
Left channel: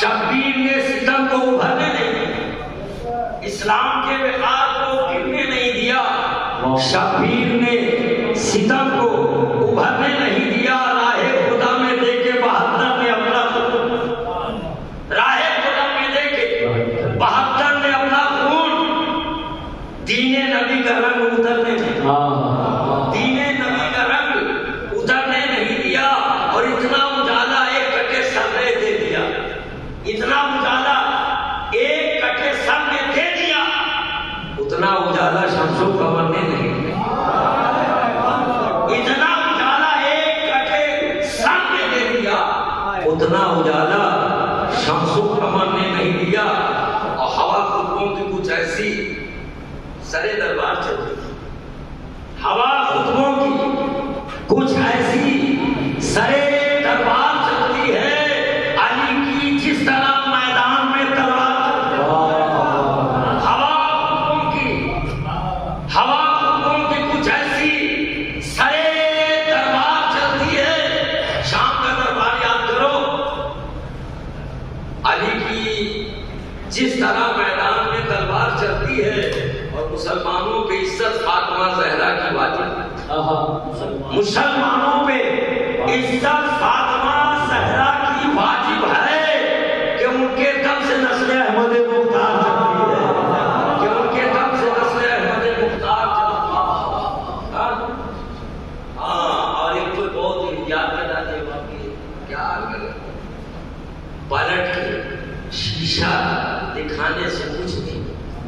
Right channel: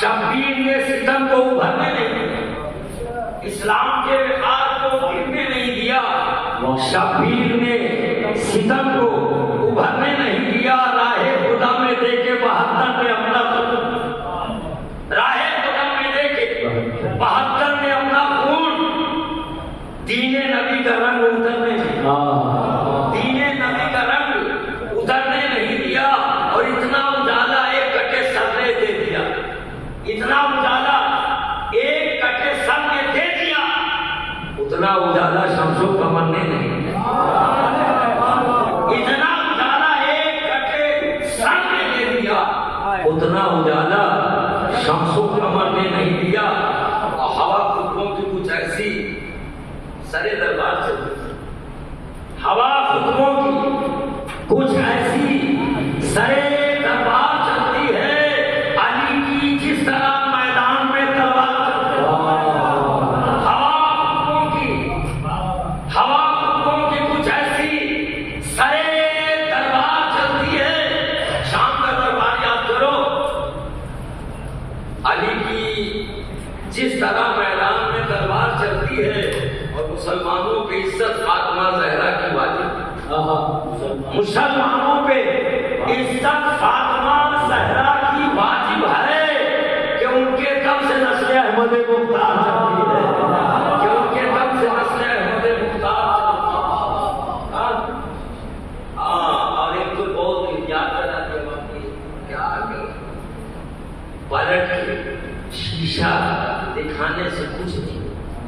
شبیر نے ستم کو ابھرنے نہیں دیا, اسلام کے وقار کو گرنے نہیں دیا. شبیر نے ستم کو ابھرنے نہیں دیا. راہ خدا میں دے کے 72 نے اپنا راہ خدا میں دے کے 72 نے اپنا خون دین نبی کا رنگ اترنے دین نبی کا رنگ اترنے نہیں دیا. اور اتنا اجالا ایک کٹے سر نے دے دیا, اتنا اجالا ایک کٹے سر نے دے دیا. اتنا اجالا شمس و قمر نے نہیں دیا. اتنا اجالا ایک کٹے سر نے دے دیا, اتنا اجالا شمس و قمر نے نہیں دیا. اور ہوا خطبوں کی کچھ ایسی سرے دربار چلتی, ہوا خطبوں کی کچھ ایسی سرے دربار چلتی ہے. علی کی جس طرح میدان میں تلوار, ہوا خطبوں کی کچھ ایسی سرے دربار چلتی ہے. شام کا دربار یاد کرو, علی کی جس طرح میدان میں تلوار چلتی ہے. اور مسلمانوں پہ عزت فاطمہ زہرا کی واجب, مسلمانوں پہ عزت فاطمہ زہرا کی واجب ہے کہ ان کے دم سے نسل احمد مختار چلتی ہے, کہ ان کے دم سے نسل احمد مختار چلتی ہے. اور ایک تو بہت احتیاط کرنا چاہیے. باقی کیا پلٹ کے شیشہ دکھانے سے کچھ نہیں.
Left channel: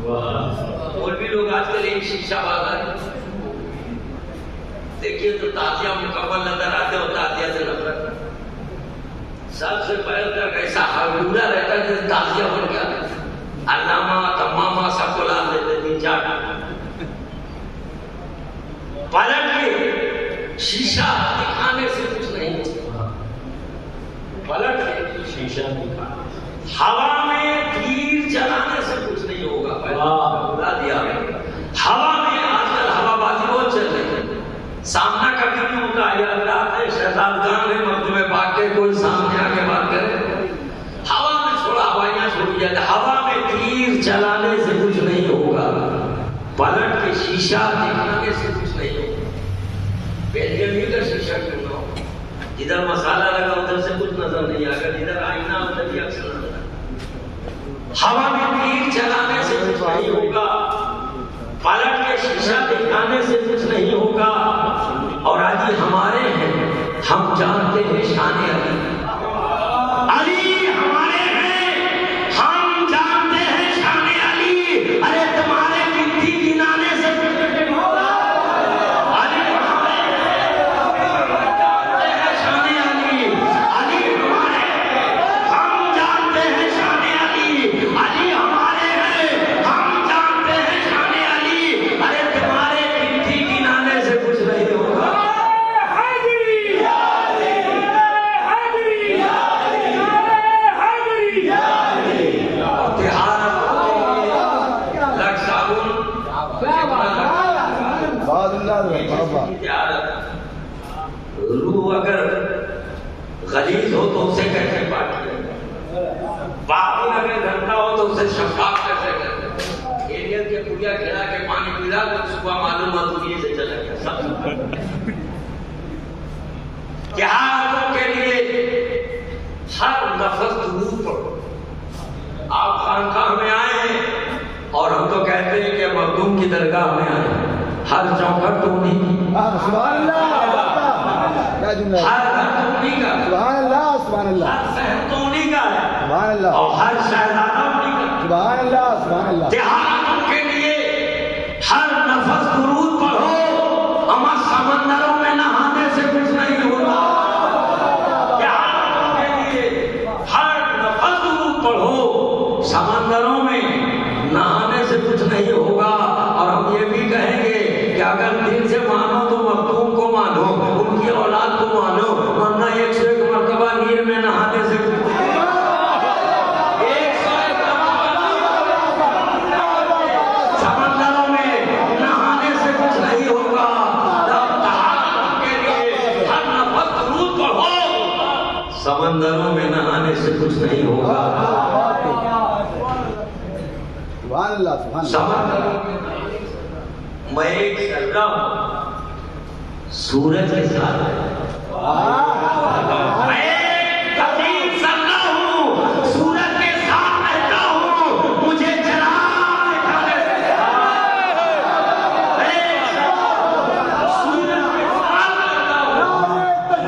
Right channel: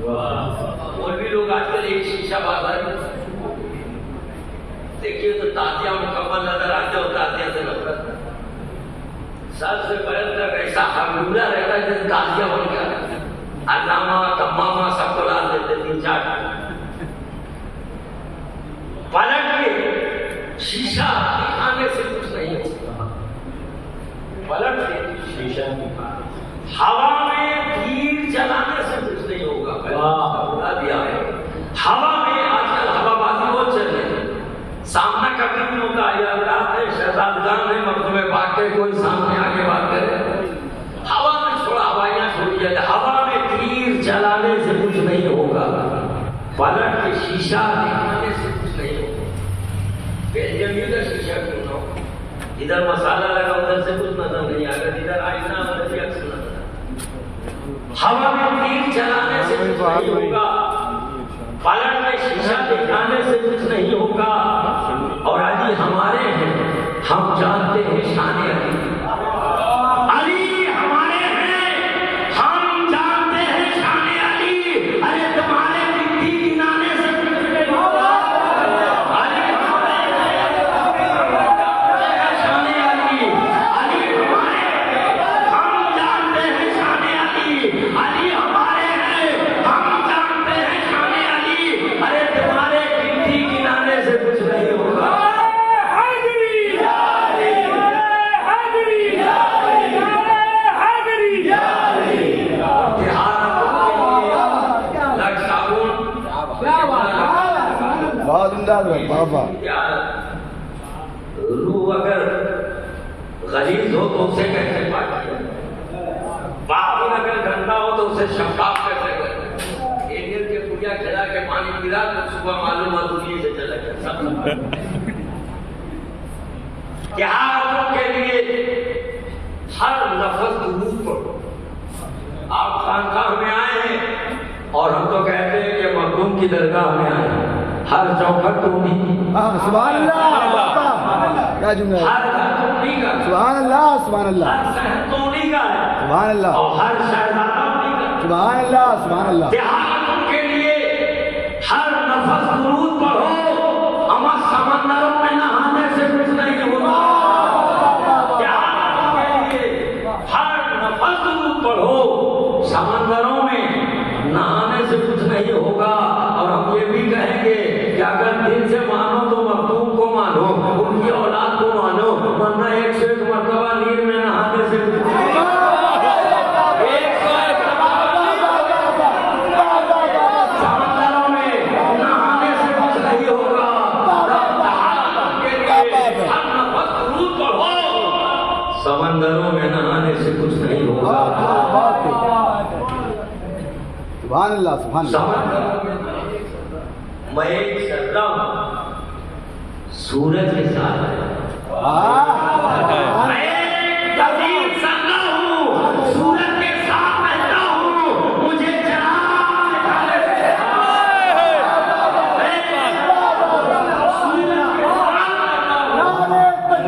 اور بھی لوگ آج کل ایک شیشہ بازار دیکھیے تو تعزیہ مکمل نظر آتے ہو, تعزیہ سے نفرت. سب سے پہلے تک ایسا ہرگولا رہتا ہے جیسے تعزیہ بن گیا. علامہ تمامہ سب کو لا دیتے 3-4. پلٹ کے شیشہ دکھانے سے کچھ نہیں. پلٹ کے شیشہ ہوا میں تیر جلانے سے کچھ نہیں ہوگا. بلا دیا ہے جائے ہوا میں تیر چلانے سے کچھ نہیں ہوگا، پلٹ کے شیشہ دکھانے سے کچھ نہیں ہوگا۔ بیلجیمی کا شیشہ کیوں نہ ہو، جدھر مسالہ لگا ادھر سے کچھ نظر نہیں آگا، جدھر آئینہ ادھر بھی اکثر نظر آگا۔ ہوا میں تیر چلانے سے کچھ نہیں ہوگا، پلٹ کے شیشہ دکھانے سے کچھ نہیں ہوگا، اور علی ہمارے ہیں، ہم جانتے ہیں شان علی۔ علی ہمارے ہیں، ہم جانتے ہیں شان علی۔ ارے تمہارے مٹی گنانے سے کچھ نہیں ہوگا۔ علی ہمارے ہیں، ہم جانتے ہیں شان علی۔ علی ہمارے ہیں، ہم جانتے ہیں شان علی۔ علی ہمارے ہیں، ہم جانتے ہیں شان علی۔ ارے تمہارے مٹی گنانے سے کچھ نہیں ہوگا۔ روح اگر غلیظ ہو تو اسے کیسے پاک کیا، باطن اگر گندا ہو تو اسے شفاف کیسے کرتے؟ ایریل کے پڑیا کھلا کے پانی پلا تو صبح معلوم ہوا دنیا سے چلا گیا سب۔ تہاروں کے لیے ہر لفظ درود پڑھو۔ آپ خانقاہ میں آئے ہیں اور ہم تو کہتے ہیں کہ مخدوم کی درگاہ میں آئے ہیں، ہر چوکھٹ تو نہیں، سبحان اللہ، کیا جملہ ہے، ہر گھر تو نہیں کا، سبحان اللہ، سبحان اللہ، ہر شہر تو نہیں کا ہے، سبحان اللہ، اور ہر شہزادہ نہیں کا۔ سبحان اللہ، سبحان اللہ۔ تہاروں کے لیے ہر نفس درود پڑھو، اما سمندروں میں نہانے سے کچھ نہیں ہوگا۔ تہاروں کے لیے ہر نفس درود پڑھو، سمندروں میں نہانے سے کچھ نہیں ہوگا۔ اور ہم یہ بھی کہیں گے کہ اگر دل سے مانو تو مخدوم کو مانو، ان کی اولاد کو مانو، ورنہ 101 مرتبہ نیل میں نہانے سے کچھ نہیں ہوگا۔ 101 سمندروں میں نہانے سے کچھ نہیں ہوگا۔ تہارت کے لیے ہر نفس درود پڑھو، سمندروں میں نہانے سے کچھ نہیں ہوگا۔ سبحان اللہ، سبحان اللہ۔ میں ایک ذرہ ہوں سورج کے ساتھ، میں ایک عظیم ذرہ ہوں سورج کے ساتھ بہتا ہوں، مجھے چراغ دکھانے سے سورج کے ساتھ بہتا ہوں،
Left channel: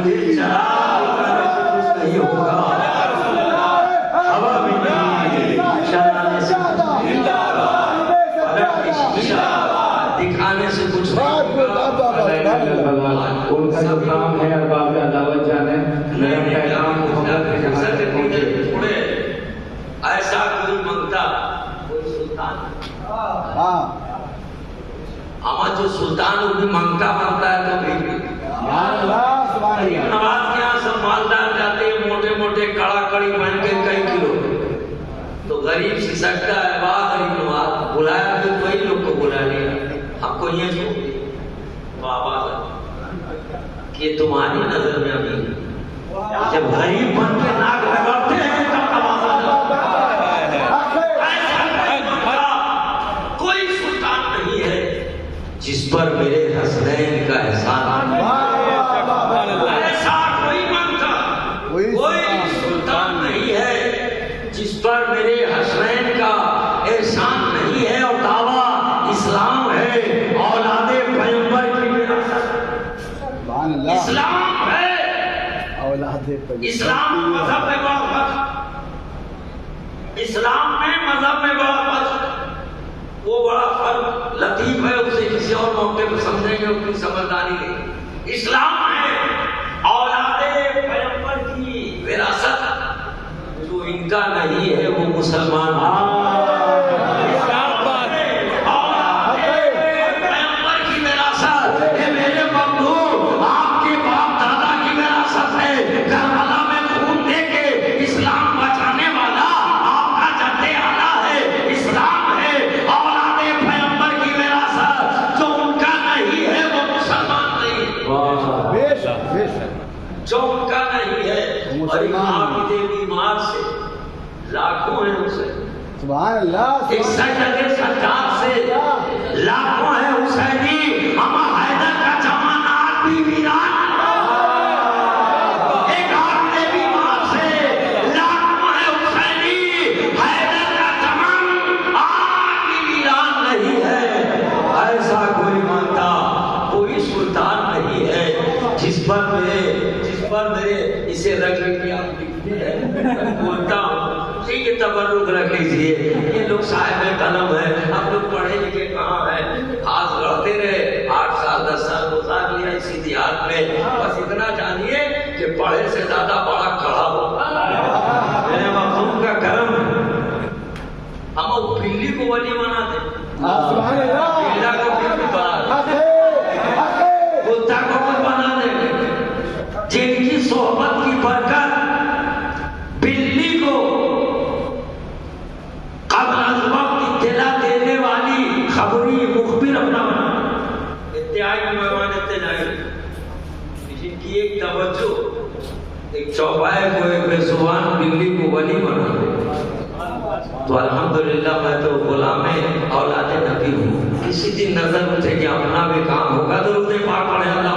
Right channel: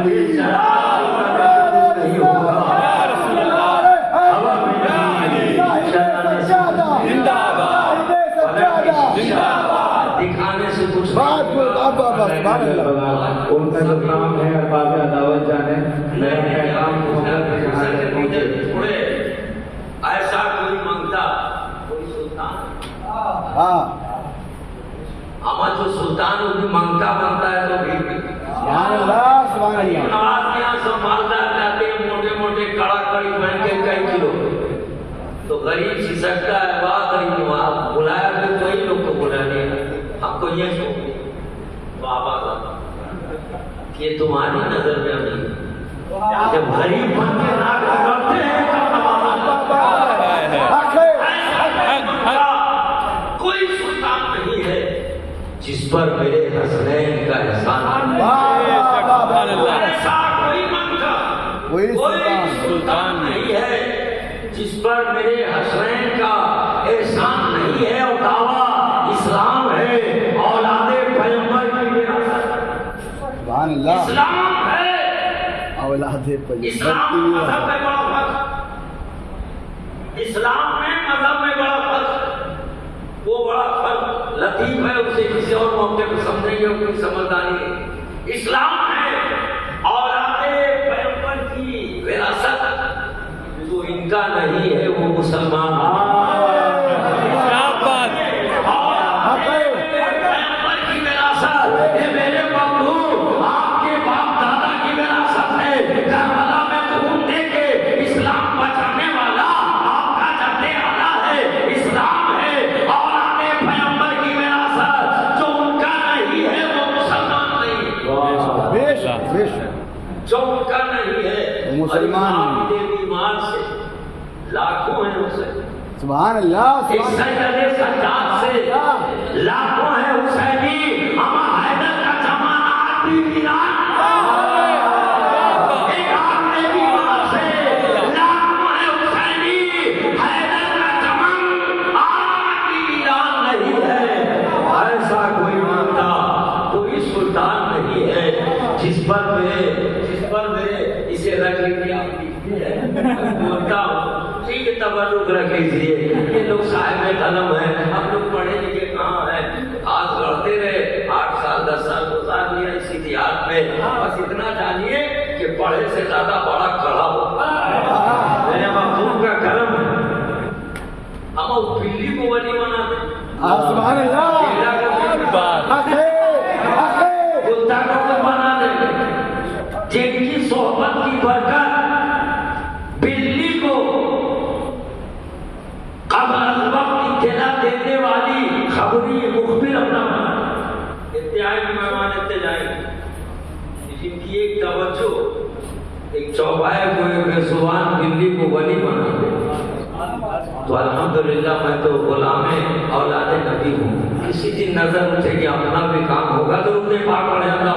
مجھے چراغ دکھانے سے کچھ نہیں ہوگا۔ ہوا میں نہیں دکھانے سے کچھ نہیں ہوگا۔ ان کا جو کام ہے ارباب عداوت جانے، ایسا کوئی منگتا کوئی سلطان، ہمارا جو سلطان وہ بھی منگتا ہے تو بھی نواز کے یہاں سب مالدار جاتے ہیں، موٹے موٹے کڑا کڑی پہن کے کئی کلو، تو غریب سی سکتا ہے، واہ غریب نواز بلایا تو کوئی لوگ کو بلا نہیں، ہم کو یہ سوچتے بابا کہ تمہاری نظر میں ابھی جب غریب بن کے ناک لگاتے ہیں کوئی سلطان نہیں ہے جس پر میرے حسنین کا احسان، ایسا کوئی منگتا کوئی سلطان نہیں ہے جس پر میرے حسنین کا احسان نہیں ہے، اور دعویٰ اسلام ہے، اولاد پیغمبر کی وراثت، اسلام ہے، اسلام مذہب میں بڑا فرق، اسلام میں مذہب میں بڑا فرق، وہ بڑا فرق لطیف ہے، اسے کسی اور موقع کو سمجھیں گے اتنی سمجھداری نہیں۔ اسلام ہے اولاد پیغمبر کی وراثت، جو ان کا نہیں ہے وہ مسلمان ہے۔ جو ان کا نہیں ہے، اور ایمان کے بیمار سے لا لاکھوں ہیں اسے سبحان اللہ ایک سجدے سجاد سے لاکھوں ہیں حسینی اما حیدر کا چمن آج بھی ویران ایک آدمی بیمار سے لاکھوں ہیں حسینی حیدر کا چمن آج بھی ویران نہیں ہے ایسا کوئی مانتا کوئی سلطان نہیں ہے جس پر میرے اسے رکھ لیجیے آپ لکھتے ہیں میں بولتا ہوں اسی کے تبرک رکھ لیجیے یہ لوگ صاحب قلم ہیں ہم لوگ پڑھے لکھے کہاں ہیں آج لڑتے رہے 8 سال 10 سال گزار لیا اسی دیہات میں بس اتنا جانیے کہ پڑھے سے زیادہ بڑا کڑا ہو میرے محبوب کا کرم ہے ہم وہ بلی کو ولی بنا دیں سبحان اللہ بلا کا بلی کتا کو کوئی بنا دیں جن کی صحبت کی برکت بلی کو قبل از وقت اطلاع دینے والی خبری مخبر اپنا انتہائی مہمان انتظائی جن کی ایک توجہ ایک چوپائے کو ایک بے زبان بلی کو ولی بنا دے تو الحمدللہ میں تو غلام اولاد نبی ہوں کسی دن نظر اٹھے کہ اپنا بھی کام ہوگا تو اسے پاک پڑھے اللہ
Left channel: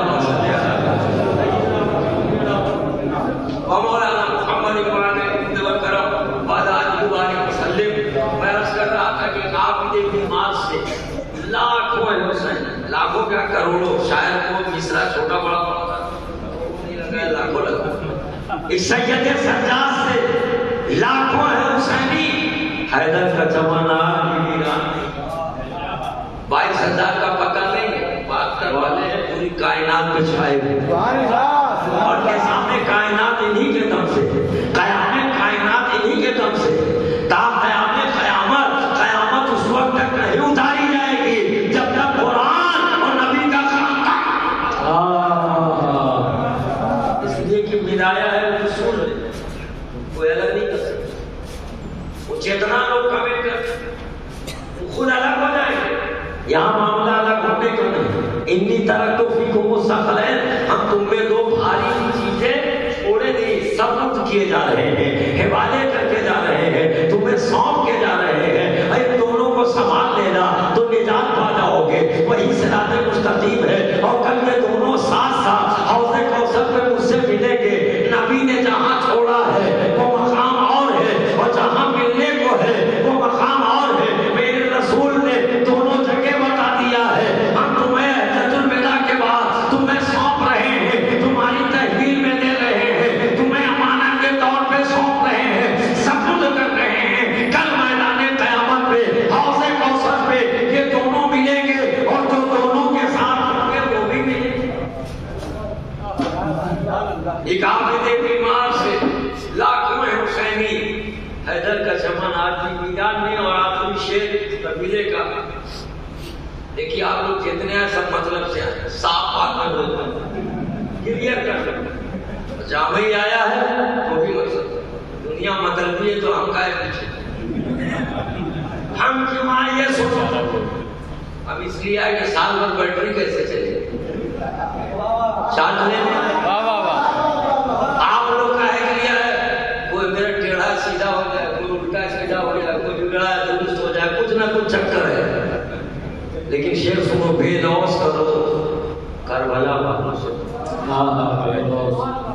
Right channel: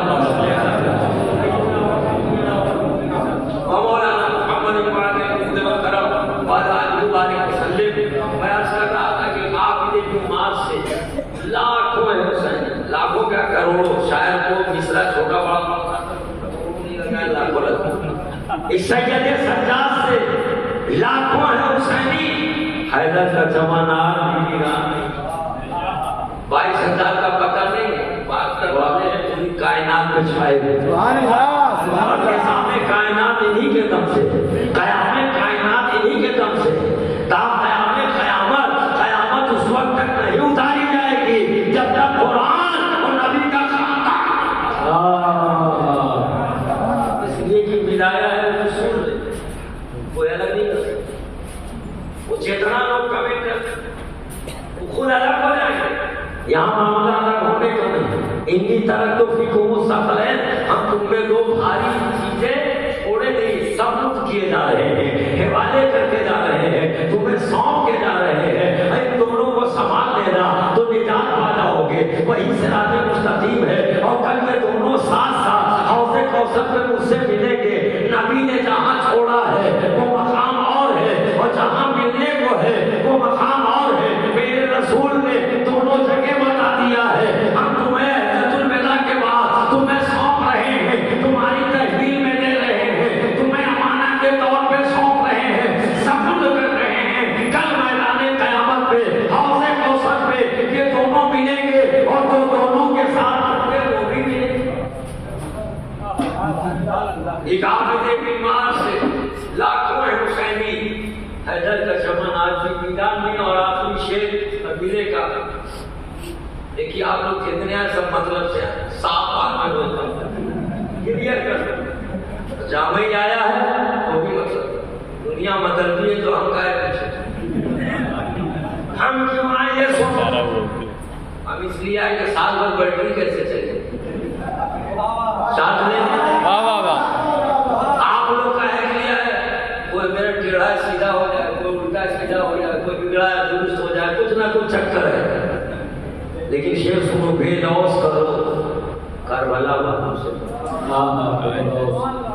لاکھوں کیا کروڑوں شاید کو مصرا چھوٹا بڑا نہیں لگا لاکھوں لگا اس سید سجاد سے لاکھوں ہے حسینی حیدر کا زمانہ 22,000 کا پتہ نہیں بات کروالے ہیں پوری کائنات پہ چھائے ہوئے اور کے سامنے کائنات انہی کے دم سے قیامت کائنات انہی کے دم سے تا قیامت قیامت اس وقت تک نہیں اتاری جائے گی جب تک قرآن اور نبی کا خاندان اس لیے کہ بدایا ہے رسول نے کوئی الگ نہیں کر سکتا وہ چیتنا لوگ کمنٹ کرتے وہ خود الگ ہو جائے گا یہاں معاملہ الگ ہونے کو نہیں انی طرح تو فی کو سخلین ہم تم میں دو بھاری چیزیں چھوڑے نہیں سبت کیے جا رہے ہیں حوالے کر کے جا رہے ہیں تمہیں سونپ کے جا رہے ہیں ان دونوں کو سنبھال لینا تو نجات پا جاؤ گے وہی صراط مستقیم ہے اور کل یہ دونوں ساتھ ساتھ حوض کوثر میں مجھ سے ملیں گے نبی نے جہاں چھوڑا ہے وہ مقام اور ہے اور جہاں ملنے کو ہے وہ مقام اور ہے میرے رسول نے دونوں جگہ بتا دیا ہے ہم تمہیں حجۃ الوداع کے بعد تمہیں سونپ رہے ہیں تمہاری تحویل میں دے رہے ہیں تمہیں امانت کے طور پہ سونپ رہے ہیں سبوت کر رہے ہیں کل میدان قیامت پہ حوض کوثر پہ یہ دونوں ملیں گے اور جو دونوں کے ساتھ ہوں گے وہ بھی ملیں گے ایک عابد بیمار سے لاکھوں حسینی حیدر کا چمن آج بھی میدان میں اور آخری شیر قبیلے کا دیکھیے آپ لوگ کتنے ہیں سب مطلب سے آئے صاف بات میں بولتا ہوں کلیئر کر جامع ہی آیا ہے وہ بھی مطلب دنیا مطلبی ہے تو ہم کہے پیچھے ہم کیوں آئے یہ سوچو ہم اس لیے آئے کہ سال بھر بیٹری کیسے چلے چارج لینے آپ لوگ کا ہے لیا ہے کوئی میرا ٹیڑھا سیدھا ہو جائے کوئی الٹا سیدھا ہو جائے کوئی بگڑا درست ہو جائے کچھ نہ کچھ چکر ہے لیکن شیر سنو بے لوس کرو کربلا والوں سے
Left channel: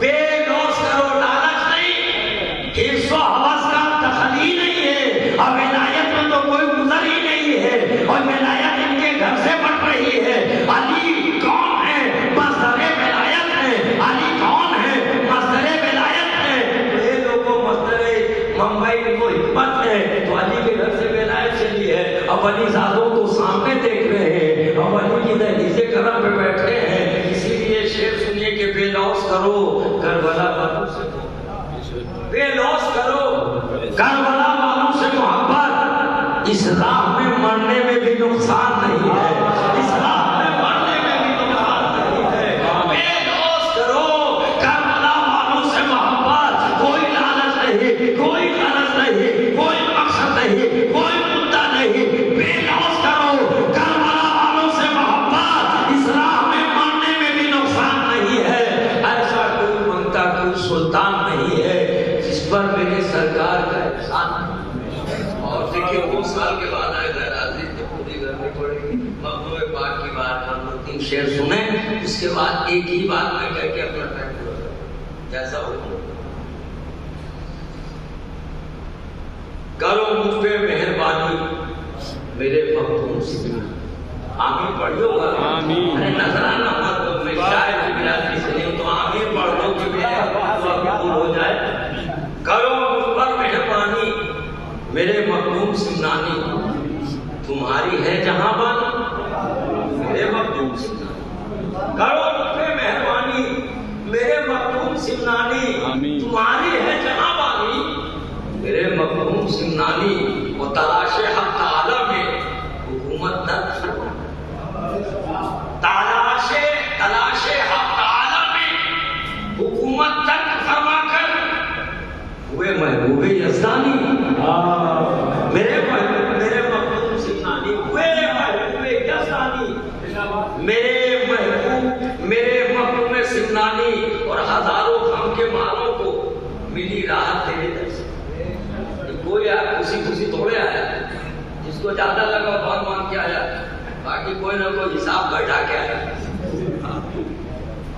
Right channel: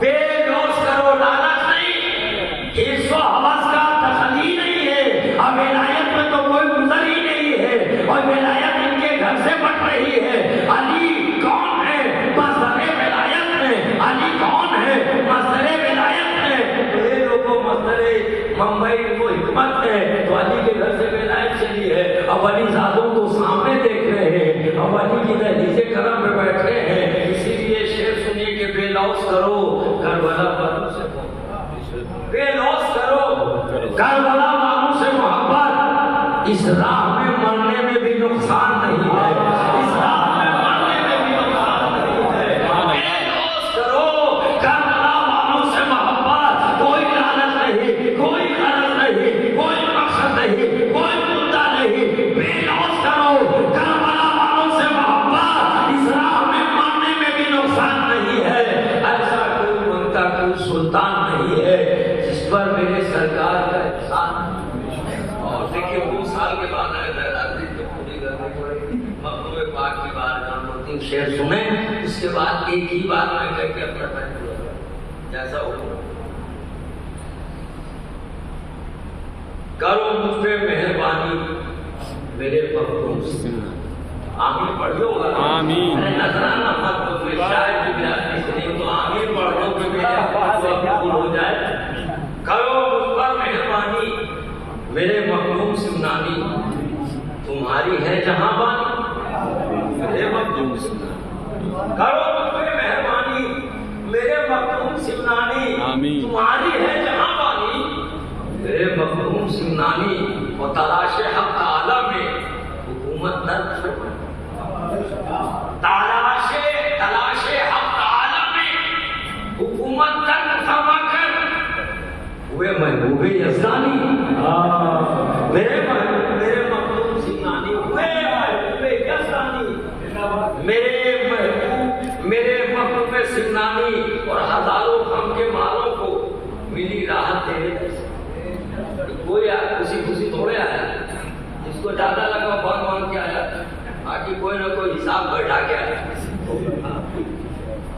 بے لوس کرو لالچ نہیں حرص و حوث کا تخلی نہیں ہے اور ولایت میں تو کوئی گزر ہی نہیں ہے اور ولایت ان کے گھر سے بٹ رہی ہے علی کون ہے مصدر ولایت ہے علی کون ہے مصدر ولایت ہے یہ لوگوں مصدر ممبئی کو حکمت ہے تو علی کے گھر سے ولایت چلی ہے اب علی زادوں کو سامنے دیکھ رہے ہیں اب علی کی دہلیز کرم پہ بیٹھے ہیں اسی لیے شعر سنیے کہ بے لوس کرو کربلا والوں سے بے لوس کرو کربلا والوں سے محبت اس راہ میں مرنے میں بھی نقصان نہیں ہے اس راہ میں مرنے میں بھی نقصان نہیں ہے بے لوس کرو کربلا والوں سے محبت کوئی لالچ نہیں کوئی غرض نہیں کوئی مقصد نہیں کوئی مدعا نہیں بے لوس کرو کربلا والوں سے محبت اس راہ میں مرنے میں بھی نقصان نہیں ہے ایسا کوئی بنتا کوئی سلطان نہیں ہے جس پر میرے سرکار کا احسان سال کے بعد آئے تھے حاضری تو پوری کرنی پڑے گی. مخدوم پاک کی بات پر 3 شعر سنیں, اس کے بعد ایک ہی بات میں کہہ کے اپنا ٹائم پورا کریں جیسا ہو. کرو مجھ پہ مہربانی میرے مخدوم سے. آمین پڑھیو گا. آمین. ارے نظرانہ مت کو میں شاید کی برادری سے نہیں تو آمین پڑھ دو کہ میرے قبول ہو جائے. کرو مجھ پر مہربانی میرے مخدوم سمنانی, تمہاری ہے جہاں بانی میرے مخدوم سمنانی. کرو مجھ پہ مہربانی میرے مخدوم سمنانی, تمہاری ہے جہاں بانی میرے مخدوم سمنانی. اور تلاش حق تعالی میں حکومت درد تلاش حق تعالی میں حکومت درد فرما کر ہوئے محبوب یزدانی. میرے مخدوم سمنانی ہوئے محبوب یزدانی. میرے محبوب سمنانی اور ہزاروں غم کے مالوں کو ملی راحت تیرے در سے. کوئی خوشی تھوڑے آیا, جس کو زیادہ لگا بہت مان کے آیا, باقی کوئی نہ کوئی حساب بیٹھا کے آیا.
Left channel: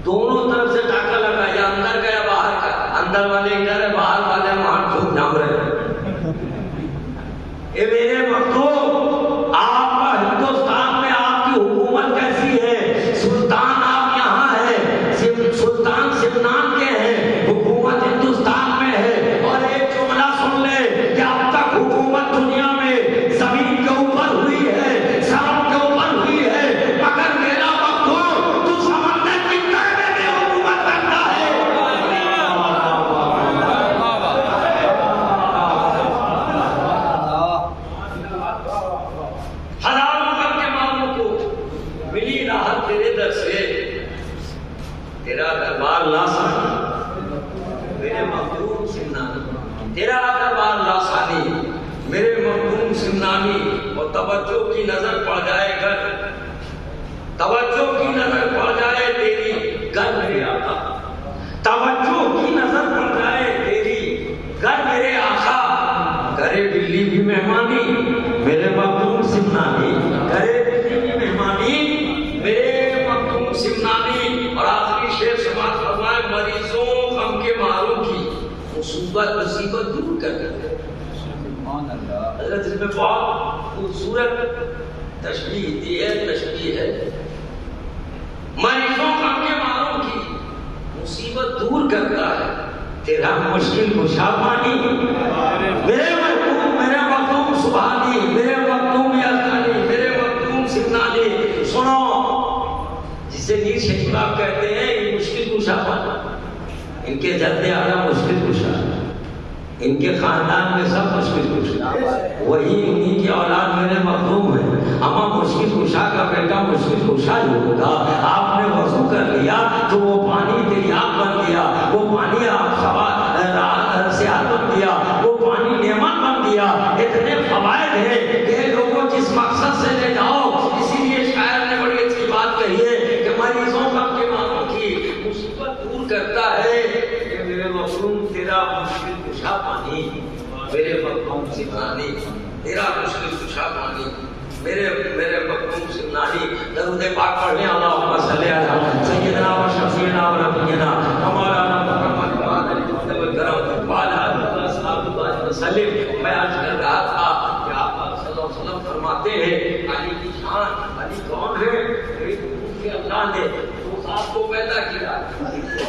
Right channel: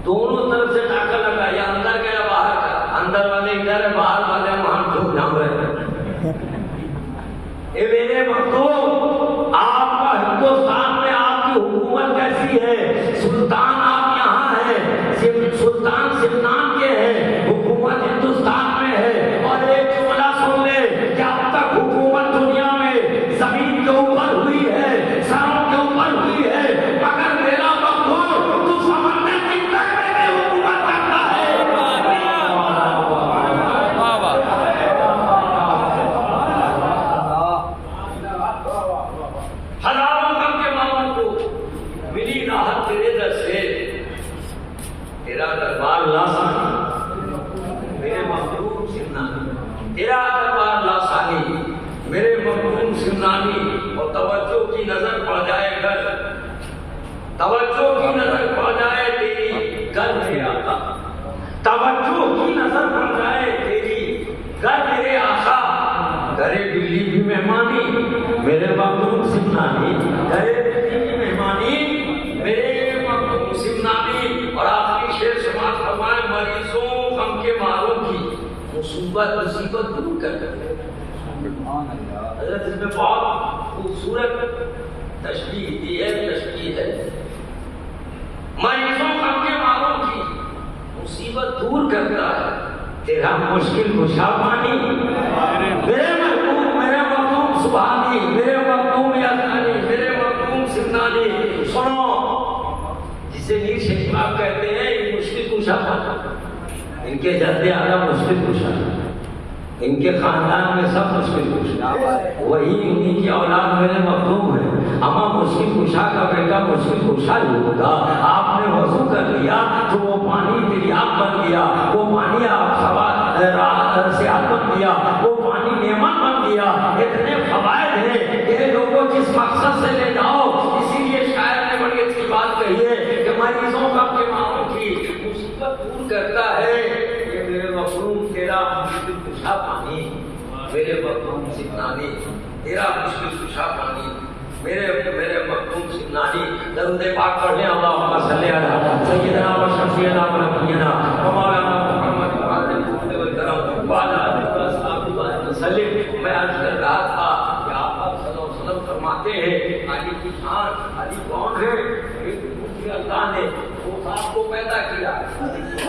دونوں طرف سے ٹاکا لگا, یا اندر کا یا باہر کا. اندر والے ادھر ہے, باہر والے وہاں ٹھوک جام رہے ہیں. اے میرے مخدوم, آپ کا ہندوستان میں آپ کی حکومت کیسی ہے؟ سلطان آپ یہاں ہے, سلطان سمنان کے ہیں, حکومت ہندوستان میں ہے. اور ایک جملہ سن لے کہ اب تک حکومت دنیا میں زمین کے اوپر ہوئی ہے, سڑک کے اوپر ہوئی ہے, مگر میرا مخدوم تو سمندر کی تہ میں بھی حکومت کرتا ہے. ہزاروں غم کے مالوں کو ملی راحت تیرے در سے. تیرا دربار لاسانی میرے مخدوم سمنانی, تیرا دربار لاسانی میرے مخدوم سمنانی. اور توجہ کی نظر پڑ جائے گھر, توجہ کی نظر پڑ جائے تیری گھر میرے آقا, توجہ کی نظر پڑ جائے تیری گھر میرے آقا. گھرے بلی بھی مہمانی میرے مخدوم سمنانی, گھرے بلی بھی مہمانی میرے مخدوم سمنانی. اور آخری شعر سماعت فرمائے, مریضوں غم کے ماروں کی مصیبت دور کر دیتے. حضرت اس میں بہت خوبصورت تشبیہ دی ہے, تشبیہ ہے. مریضوں غم کے ماروں کی مصیبت دور کرتا ہے تیرا مشکل کشا پانی. میرے مخدوم سبحانی, میرے مخدوم یزدانی, میرے مخدوم سمنانی. سنو, جسے میر شکیبا کہتے ہیں یہ مشکل کشا پانی. ان کے جد اعلیٰ مشکل کشا, ان کے خاندان میں سب مشکل کشا, وہی انہی کی اولاد میرے مخدوم ہے. اما مشکل کشا کا بیٹا مشکل کشا ہی ہوگا. آپ نے وضو کر لیا تو وہ پانی دریاب بن گیا, وہ پانی آپ صحت بن گیا, وہ پانی نعمت بن گیا. اتنے فوائد ہیں کہ لوگوں جس مقصد سے لے جاؤ. اسی لیے شاعر نے بڑی اچھی بات کہی ہے کہ مریضوں غم کے ماروں کی مصیبت دور کرتا ہے کہ میرے مخدوم تیرا مشکل کشا پانی میرے مخدوم سمنانی. تیرا مشکل کشا پانی میرے مخدوم سمنانی. درود پاک پڑھ لیں. اللہم صلی علی سیدنا و شفیعنا و نبینا و مولانا محمد وعلی آلہ وصحبہ وسلم. میں عرض کر رہا تھا کہ آپ صلی اللہ علیہ وسلم فرماتے ہیں علی کی شان. علی کون ہے؟ ایک کہ اللہ نے وہ خواب کو پیدا کیا,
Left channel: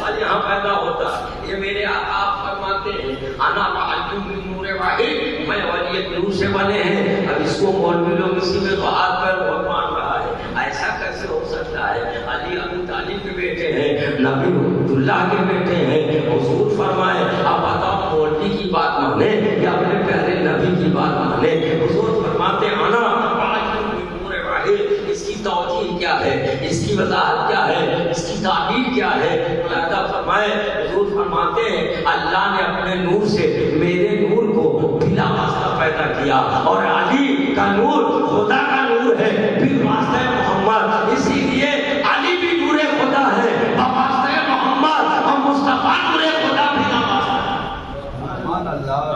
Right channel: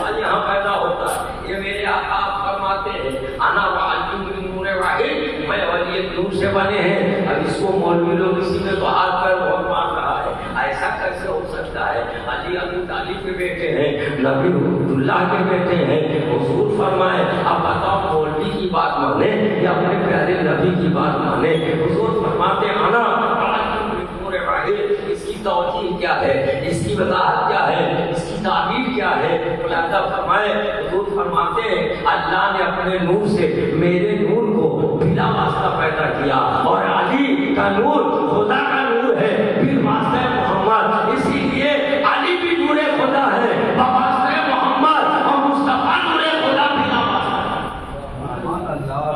آج یہاں پیدا ہوتا. یہ میرے آقا فرماتے ہیں انا وعلی من نور واحد, میں ولی نور سے بنے ہیں. اب اس کو مولوی لوگ اسی میں تو ہاتھ پیر بہت مان رہا ہے. ایسا کیسے ہو سکتا ہے؟ علی ابو طالب کے بیٹے ہیں, نبی اللہ کے بیٹے ہیں. حضور فرمائے اب بتاؤ مولوی کی بات مانے یا اپنے پیارے نبی کی بات مانے؟ حضور فرماتے انا وعلی من نور واحد. اس کی توجیہ کیا ہے, اس کی وضاحت کیا ہے, اس کی تعبیر کیا ہے؟ ملاحظہ فرمائے. حضور فرماتے ہیں اللہ نے اپنے نور سے میرے نور کو بلا واسطہ پیدا کیا, اور علی کا نور خدا کا نور ہے بالواسطہ محمد. اسی لیے علی بھی نور خدا ہے بواسطہ محمد, اور مصطفیٰ نور خدا بلا واسطہ.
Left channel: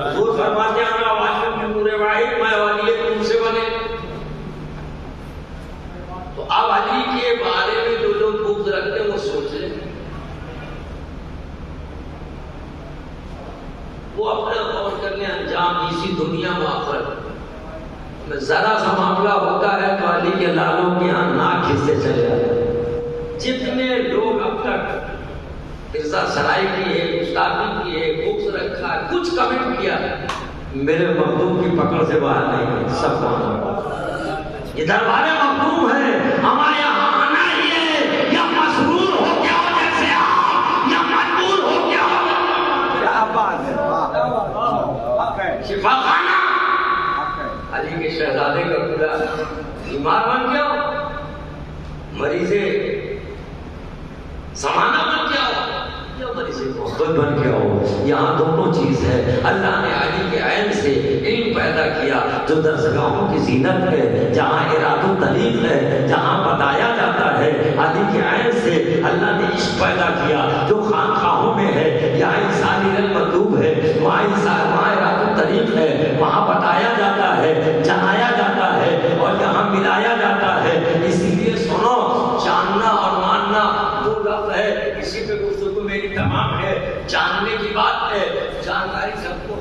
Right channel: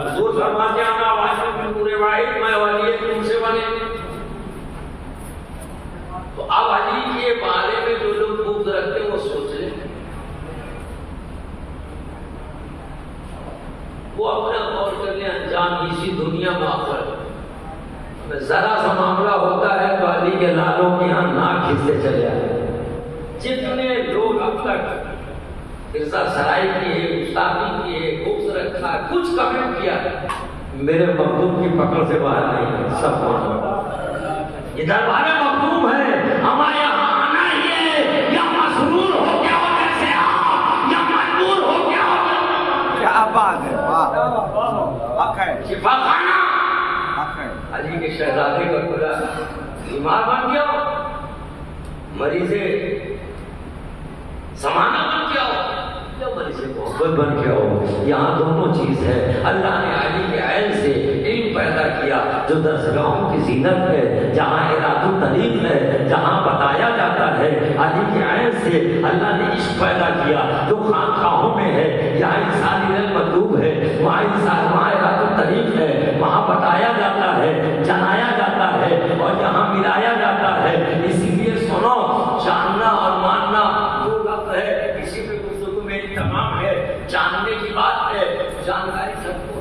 حضور فرماتے ہیں اللہ واحد من نور واحد, میں ولی نور سے ذرا سا معاملہ ہوتا ہے تو علی کے لالوں کے یہاں ناک کھینچتے چلے آتے. جتنے لوگ اب تک عزت سرائی کی ہے، گستاخی کی ہے، بکس رکھا ہے، کچھ کمنٹ کیا ہے، میرے محبوب کی پکڑ سے باہر نہیں ہے. سب یہ دربار مخدوم ہے. ہمارے یہاں آنا ہی ہے، یا مسرور ہو گیا ہو جیسے آپ، یا مجبور ہو گیا ہو. کیا بات ہے، واہ شفا خانہ علی کے شہزادے کا خدا بیمار بن گیا ہو، مریض زمانہ بن گیا ہو، یا مریض محبت بن گیا ہو. یہاں دونوں چیز ہے. اللہ نے علی کے عین سے علم پیدا کیا جو درسگاہوں کی زینت ہے، جہاں اراد الطریق ہے، جہاں بتایا جاتا ہے. علی کے عین سے اللہ نے عشق پیدا کیا جو خانقاہوں میں ہے. یہاں انسانی المطلوب ہے، وہاں اراد الطریق ہے، وہاں بتایا جاتا ہے، جنایا جاتا ہے اور یہاں ملایا جاتا ہے. اسی لیے سنو، جاننا اور ماننا دو لفظ ہے. کسی پہ گفتگو میری تمام ہے. جاننے کی بات ہے، جانکاری سب کو.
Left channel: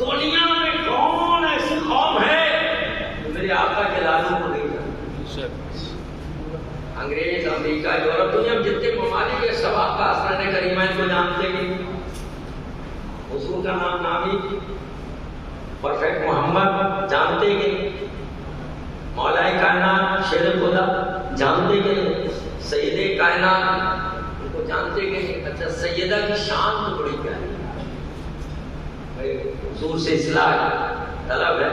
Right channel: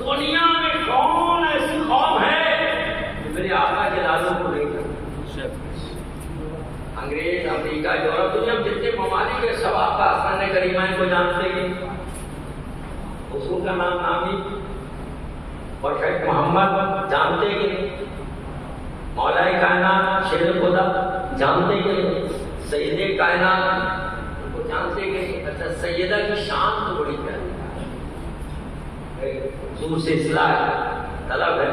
دنیا میں کون ایسی قوم ہے میرے آقا کے لالوں کو نہیں جانتی؟ انگریز، امریکہ، یورپ، دنیا میں جتنے ممالک ہے سب آپ کا اسناد کریمین کو جانتے ہیں. حضور کا نام نامی پرفیکٹ محمد جانتے کہ مولا کائنات شیر خدا جانتے کہ سید کائنات ان کو جانتے کہ اچھا سیدہ کی شان تو بڑی پیاری ہے، حضور سے اصلاح طلب ہے.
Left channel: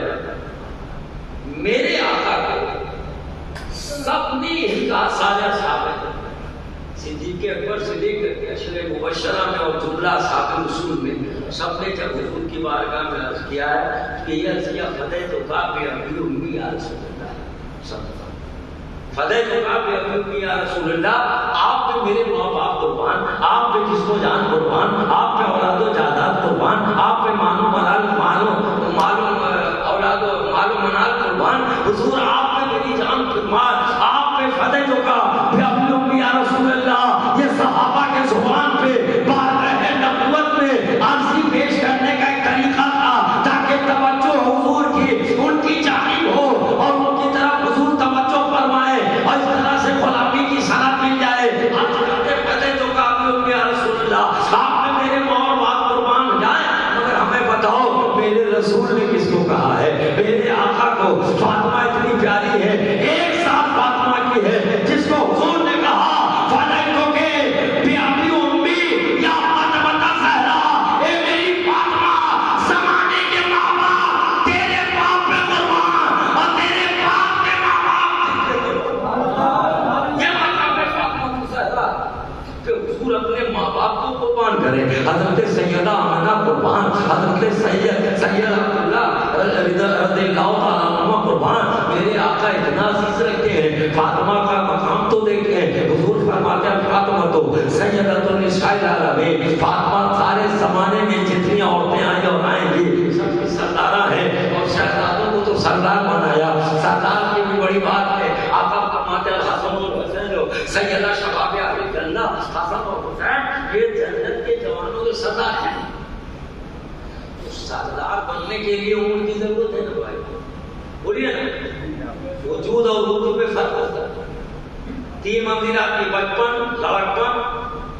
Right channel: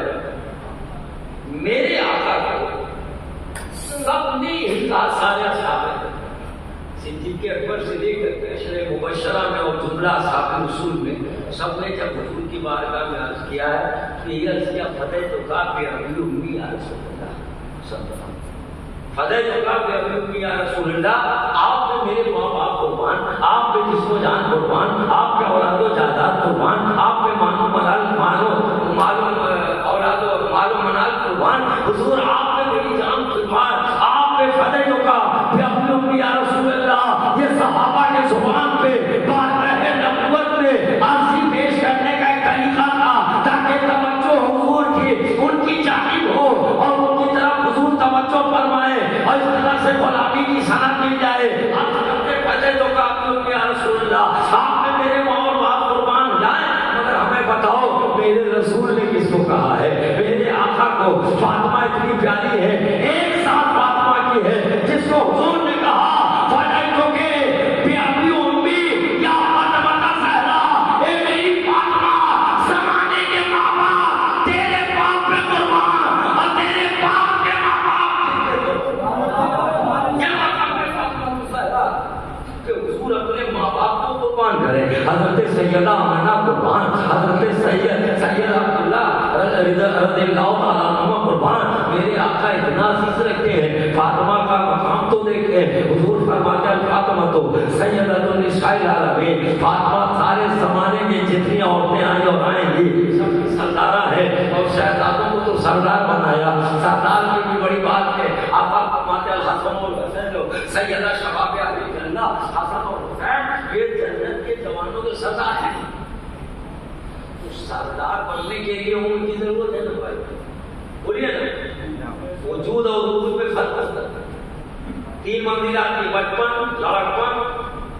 میرے آقا کو سب نے یہی کہا، سارے صحابہ ہیں، صدیق اکبر، صدیق اشرے مبشرہ میں اور جملہ اصحاب رسول میں سب نے جب حضور کی بارگاہ میں عرض کیا ہے کہ یہ عرض کیا فتح تو کعب ابی امی یا رسول اللہ، فتح تو کعب ابی امی یا رسول اللہ. آپ پہ میرے ماں باپ قربان، آپ پہ جسم و جان قربان، آپ پہ اولاد و جائیداد قربان، آپ پہ اولاد و منال قربان. حضور آپ پہ میری جان قربان، آپ پہ فتح تو کعب ابی امی یا رسول اللہ. یہ صحابہ کے زبان پہ بارگاہ نبوت میں عرضی پیش کرنے کا ایک طریقہ تھا تاکہ توجہ حضور کی ان کی جانب ہو اور ان کی طرف حضور توجہ فرمائے اور اس طرح سے غلامی کی صنعت مل جائے. آپ کہتے فتح تو کعب یا رسول اللہ، آپ نے میرے ماں اور باپ قربان ہو جائیں، مگر ہمیں بتاؤ میرے رسول نے کس کو کہا ہے؟ میرے آقا کو فاطمہ اتنی پیاری ہے، ایک ساتھ فاطمہ کی ہے جس کو حضور نے کہا حضرت سیدہ آمنہ قربان، حضرت سید عبداللہ رضی اللہ تعالیٰ عنہ قربان. میرے آقا اتنا عزیز رکھتے ہیں. فاطمہ کا مقام تو دیکھیں، حضور فرماتے ہیں فاطمہ تو سیدۃ النساء العالمین. فاطمہ سارے زمانے میں جتنی عورتیں آئیں اور آئیں گی سب کی سردارہ ہے اور شہزادوں کو تو سردار بنایا. سردار کی بھی بڑی بات ہے. آقا فرماتے ہیں حسن اور حسین سیدہ شباب اہل جنہ، حسن اور حسین یہ جنت کے جوانوں کے سردار ہیں. سردار بننے کے لیے عمر کی ضرورت ہے نا بھائی، بولیے نا. وجود اور وجود میں فرق ہوتا ہے. 3 منزلات کی بچپن، لاڑپن،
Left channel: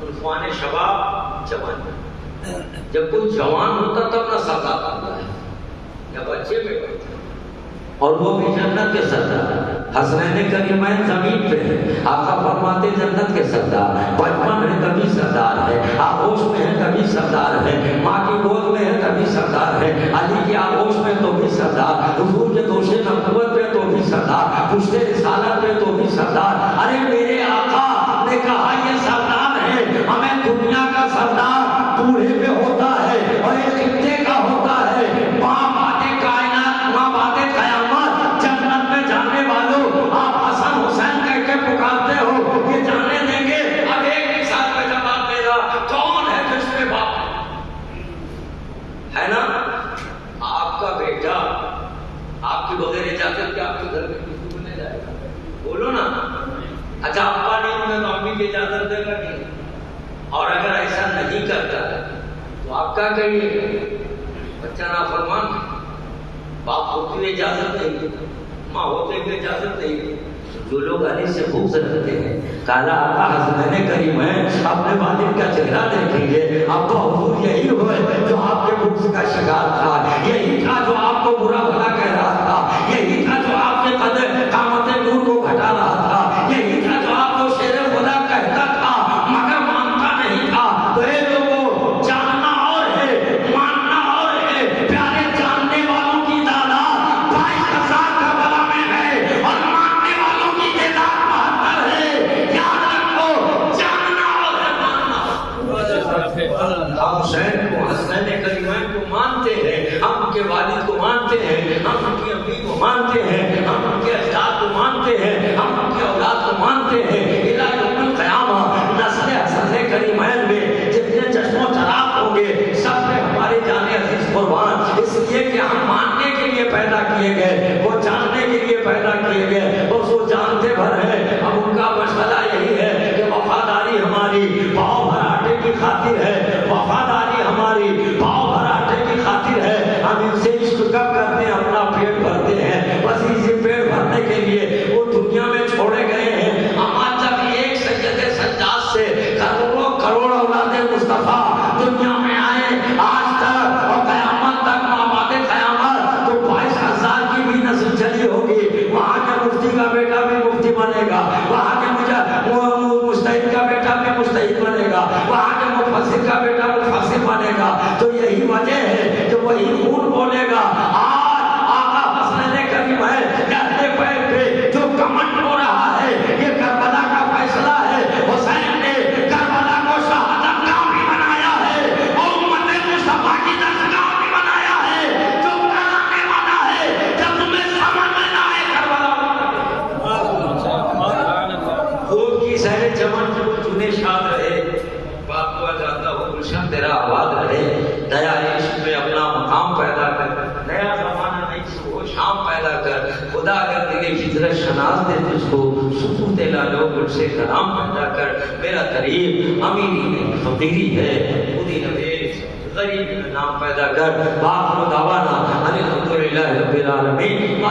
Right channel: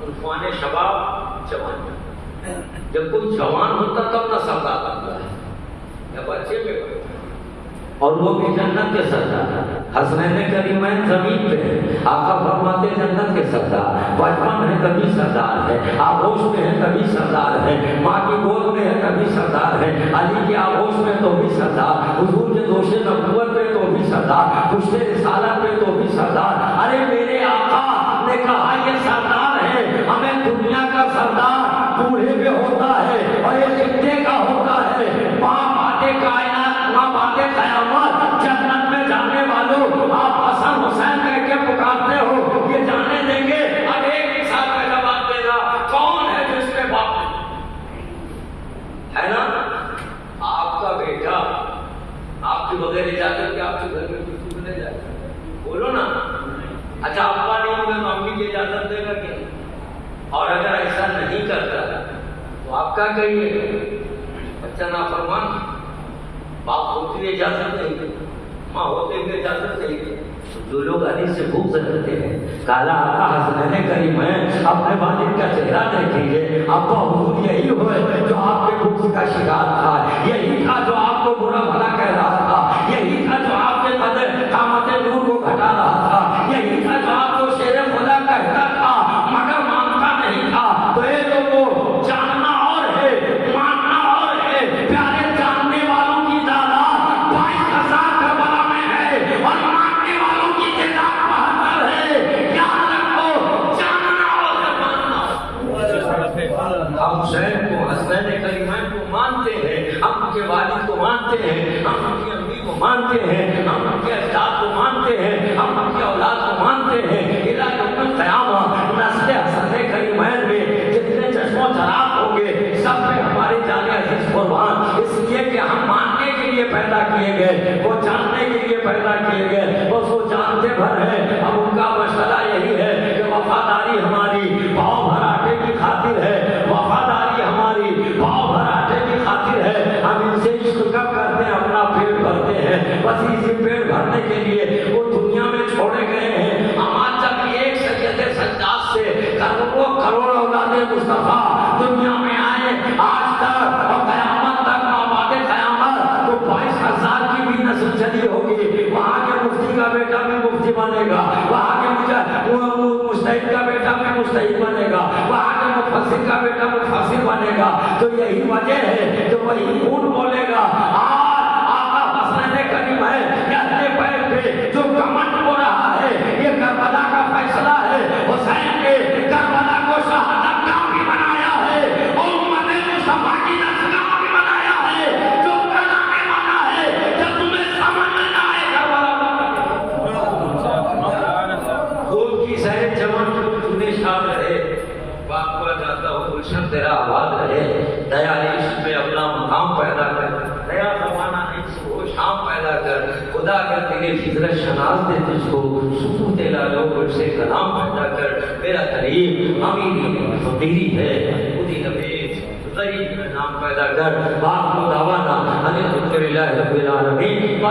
عنفوان شباب، جوانی. جب کوئی جوان ہوتا تب نہ سردار بنتا ہے یا بچے پہ بنتا ہے، اور وہ بھی جنت کے سردار. حسنین کریمین زمین پہ ہے، آقا فرماتے جنت کے سردار. بچپن ہے کبھی سردار ہے، آغوش میں ہے کبھی سردار ہے، ماں کی گود میں ہے کبھی سردار ہے، علی کے آغوش میں تو بھی سردار، حضور کے دوش نبوت پہ تو بھی سردار، پشت رسالت پہ تو بھی سردار. ارے میرے آقا نے کہا یہ سردار ہے. ہمیں دنیا کا سردار بوڑھے پہ ہوتا ہے اور ایک خطے کا ہوتا ہے. باپ آتے کائنات، ماں باتے قیامت، جنت میں جانے والوں آپ حسن حسین کہہ کے پکارتے ہو، یہ جانے دیں گے. اب ایک کے ساتھ میں جواب دے گا کون ہے جس کے باپ ہے نا؟ آپ کا بیٹا آپ کے بغیر اجازت کے آپ کے گھر میں کسی میں نہیں جائے گا. بولو نا. اچھا ابا نہیں ہوگا تو امی کی اجازت دے گا کہ نہیں؟ اور اگر ایسا نہیں کرتا تو آپ کیا کہیے؟ بچہ نافرمان باپ ہوتے ہوئے اجازت نہیں، ماں ہوتے ہوئے اجازت نہیں۔ جو لوگ علی سے بغض رکھتے ہیں، کالا آقا حسنین کریم ہے، اپنے والد کا چہرہ دیکھیں گے، ابا حضور یہی ہوئے جو آپ کے بغض کا شکار تھا، یہی تھا جو آپ کو برا بھلا کہہ رہا تھا، یہی تھا جو آپ کے قدر قامت نور کو گھٹا رہا تھا، یہی تھا جو آپ کو شیر خدا کہتا تھا مگر مانتا نہیں تھا۔ تو اے لوگوں، جاننا اور ہے، ماننا اور ہے۔ پیارے جاننے والوں کی تعداد 22,000 کربلا میں ہے اور ماننے والوں کی تعداد 72 ہے۔ یاد رکھو، جاننا اور ہے، ماننا۔ ہم حسین کو، حسنین کریمین کو مانتے ہیں، ہم ان کے والد کو مانتے ہیں، ہم ان کی امی کو مانتے ہیں، ہم ان کے اجداد کو مانتے ہیں، ہم ان کی اولاد کو مانتے ہیں۔ الہ یوم القیامہ نسل حسنین کریمین میں جتنے چشم و چراغ ہوں گے، سب میں ہمارے جان عزیز قربان، اس لیے کہ ہم ماننے کے لیے پیدا کیے گئے، وہ جاننے کے لیے پیدا کیے گئے، بس وہ جانتے بھر ہیں۔ اب ان کا مشغلہ یہی ہے کہ وفاداری ہماری پاؤ بھر آٹے کی خاطر ہے، وفاداری ہماری پاؤ بھر آٹے کی خاطر ہے۔ ہم ان سے عشق کب کرتے ہیں؟ اپنا پیٹ بھرتے ہیں، بس اسی پیٹ بھرنے کے لیے وہ دنیا میں چھوڑے گئے ہیں۔ ہمارا جب ایک سید سجاد سے کروڑوں کروڑ اولاد مصطفیٰ دنیا میں آئے، آج تک اور قیامت تک مابعد قیامت تو 22,000 کی بھی نسل چلی ہوگی۔ وہاں کے مفتی کا بیٹا بھی مفتی بنے گا، وہاں کے مجتہد کا بیٹا بھی مجتہد بنے گا، وہاں کے مفسر کا بیٹا مفسر بنے گا۔ تو یہی وجہ ہے کہ وہی خون بولے گا۔ آج آقا حسنین کریم ہے کہ اپنے پیر پہ جو کمنڈ ہو رہا ہے، یہ کربلا کا فیصلہ ہے۔ حسین نے کربلا کو شہادت گاہ بھی بنایا ہے، امت مصطفیٰ کی درسگاہ بھی بنایا ہے۔ جو کرانے والا ہے، جب تمہیں سمجھ میں نہ آئے کربلا خود کی سیر چمن تمہیں شاد رہے، باپ کو جاتا ہو گلشن تیرا آباد رہے۔ نیا عشق میں اپنا مقام پیدا کر، نیا زمانہ نہیں سو شام پیدا کر۔ خدا اگر تیری فطرت شناس دے تجھ کو، سکوت لالو گل سے کلام پیدا کر۔ میرا قریب امیری ہے، فقیری ہے، خودی نویش غریب کا نام پیدا کر۔ باپ کو دعوانا الحمدللہ رب العالمین۔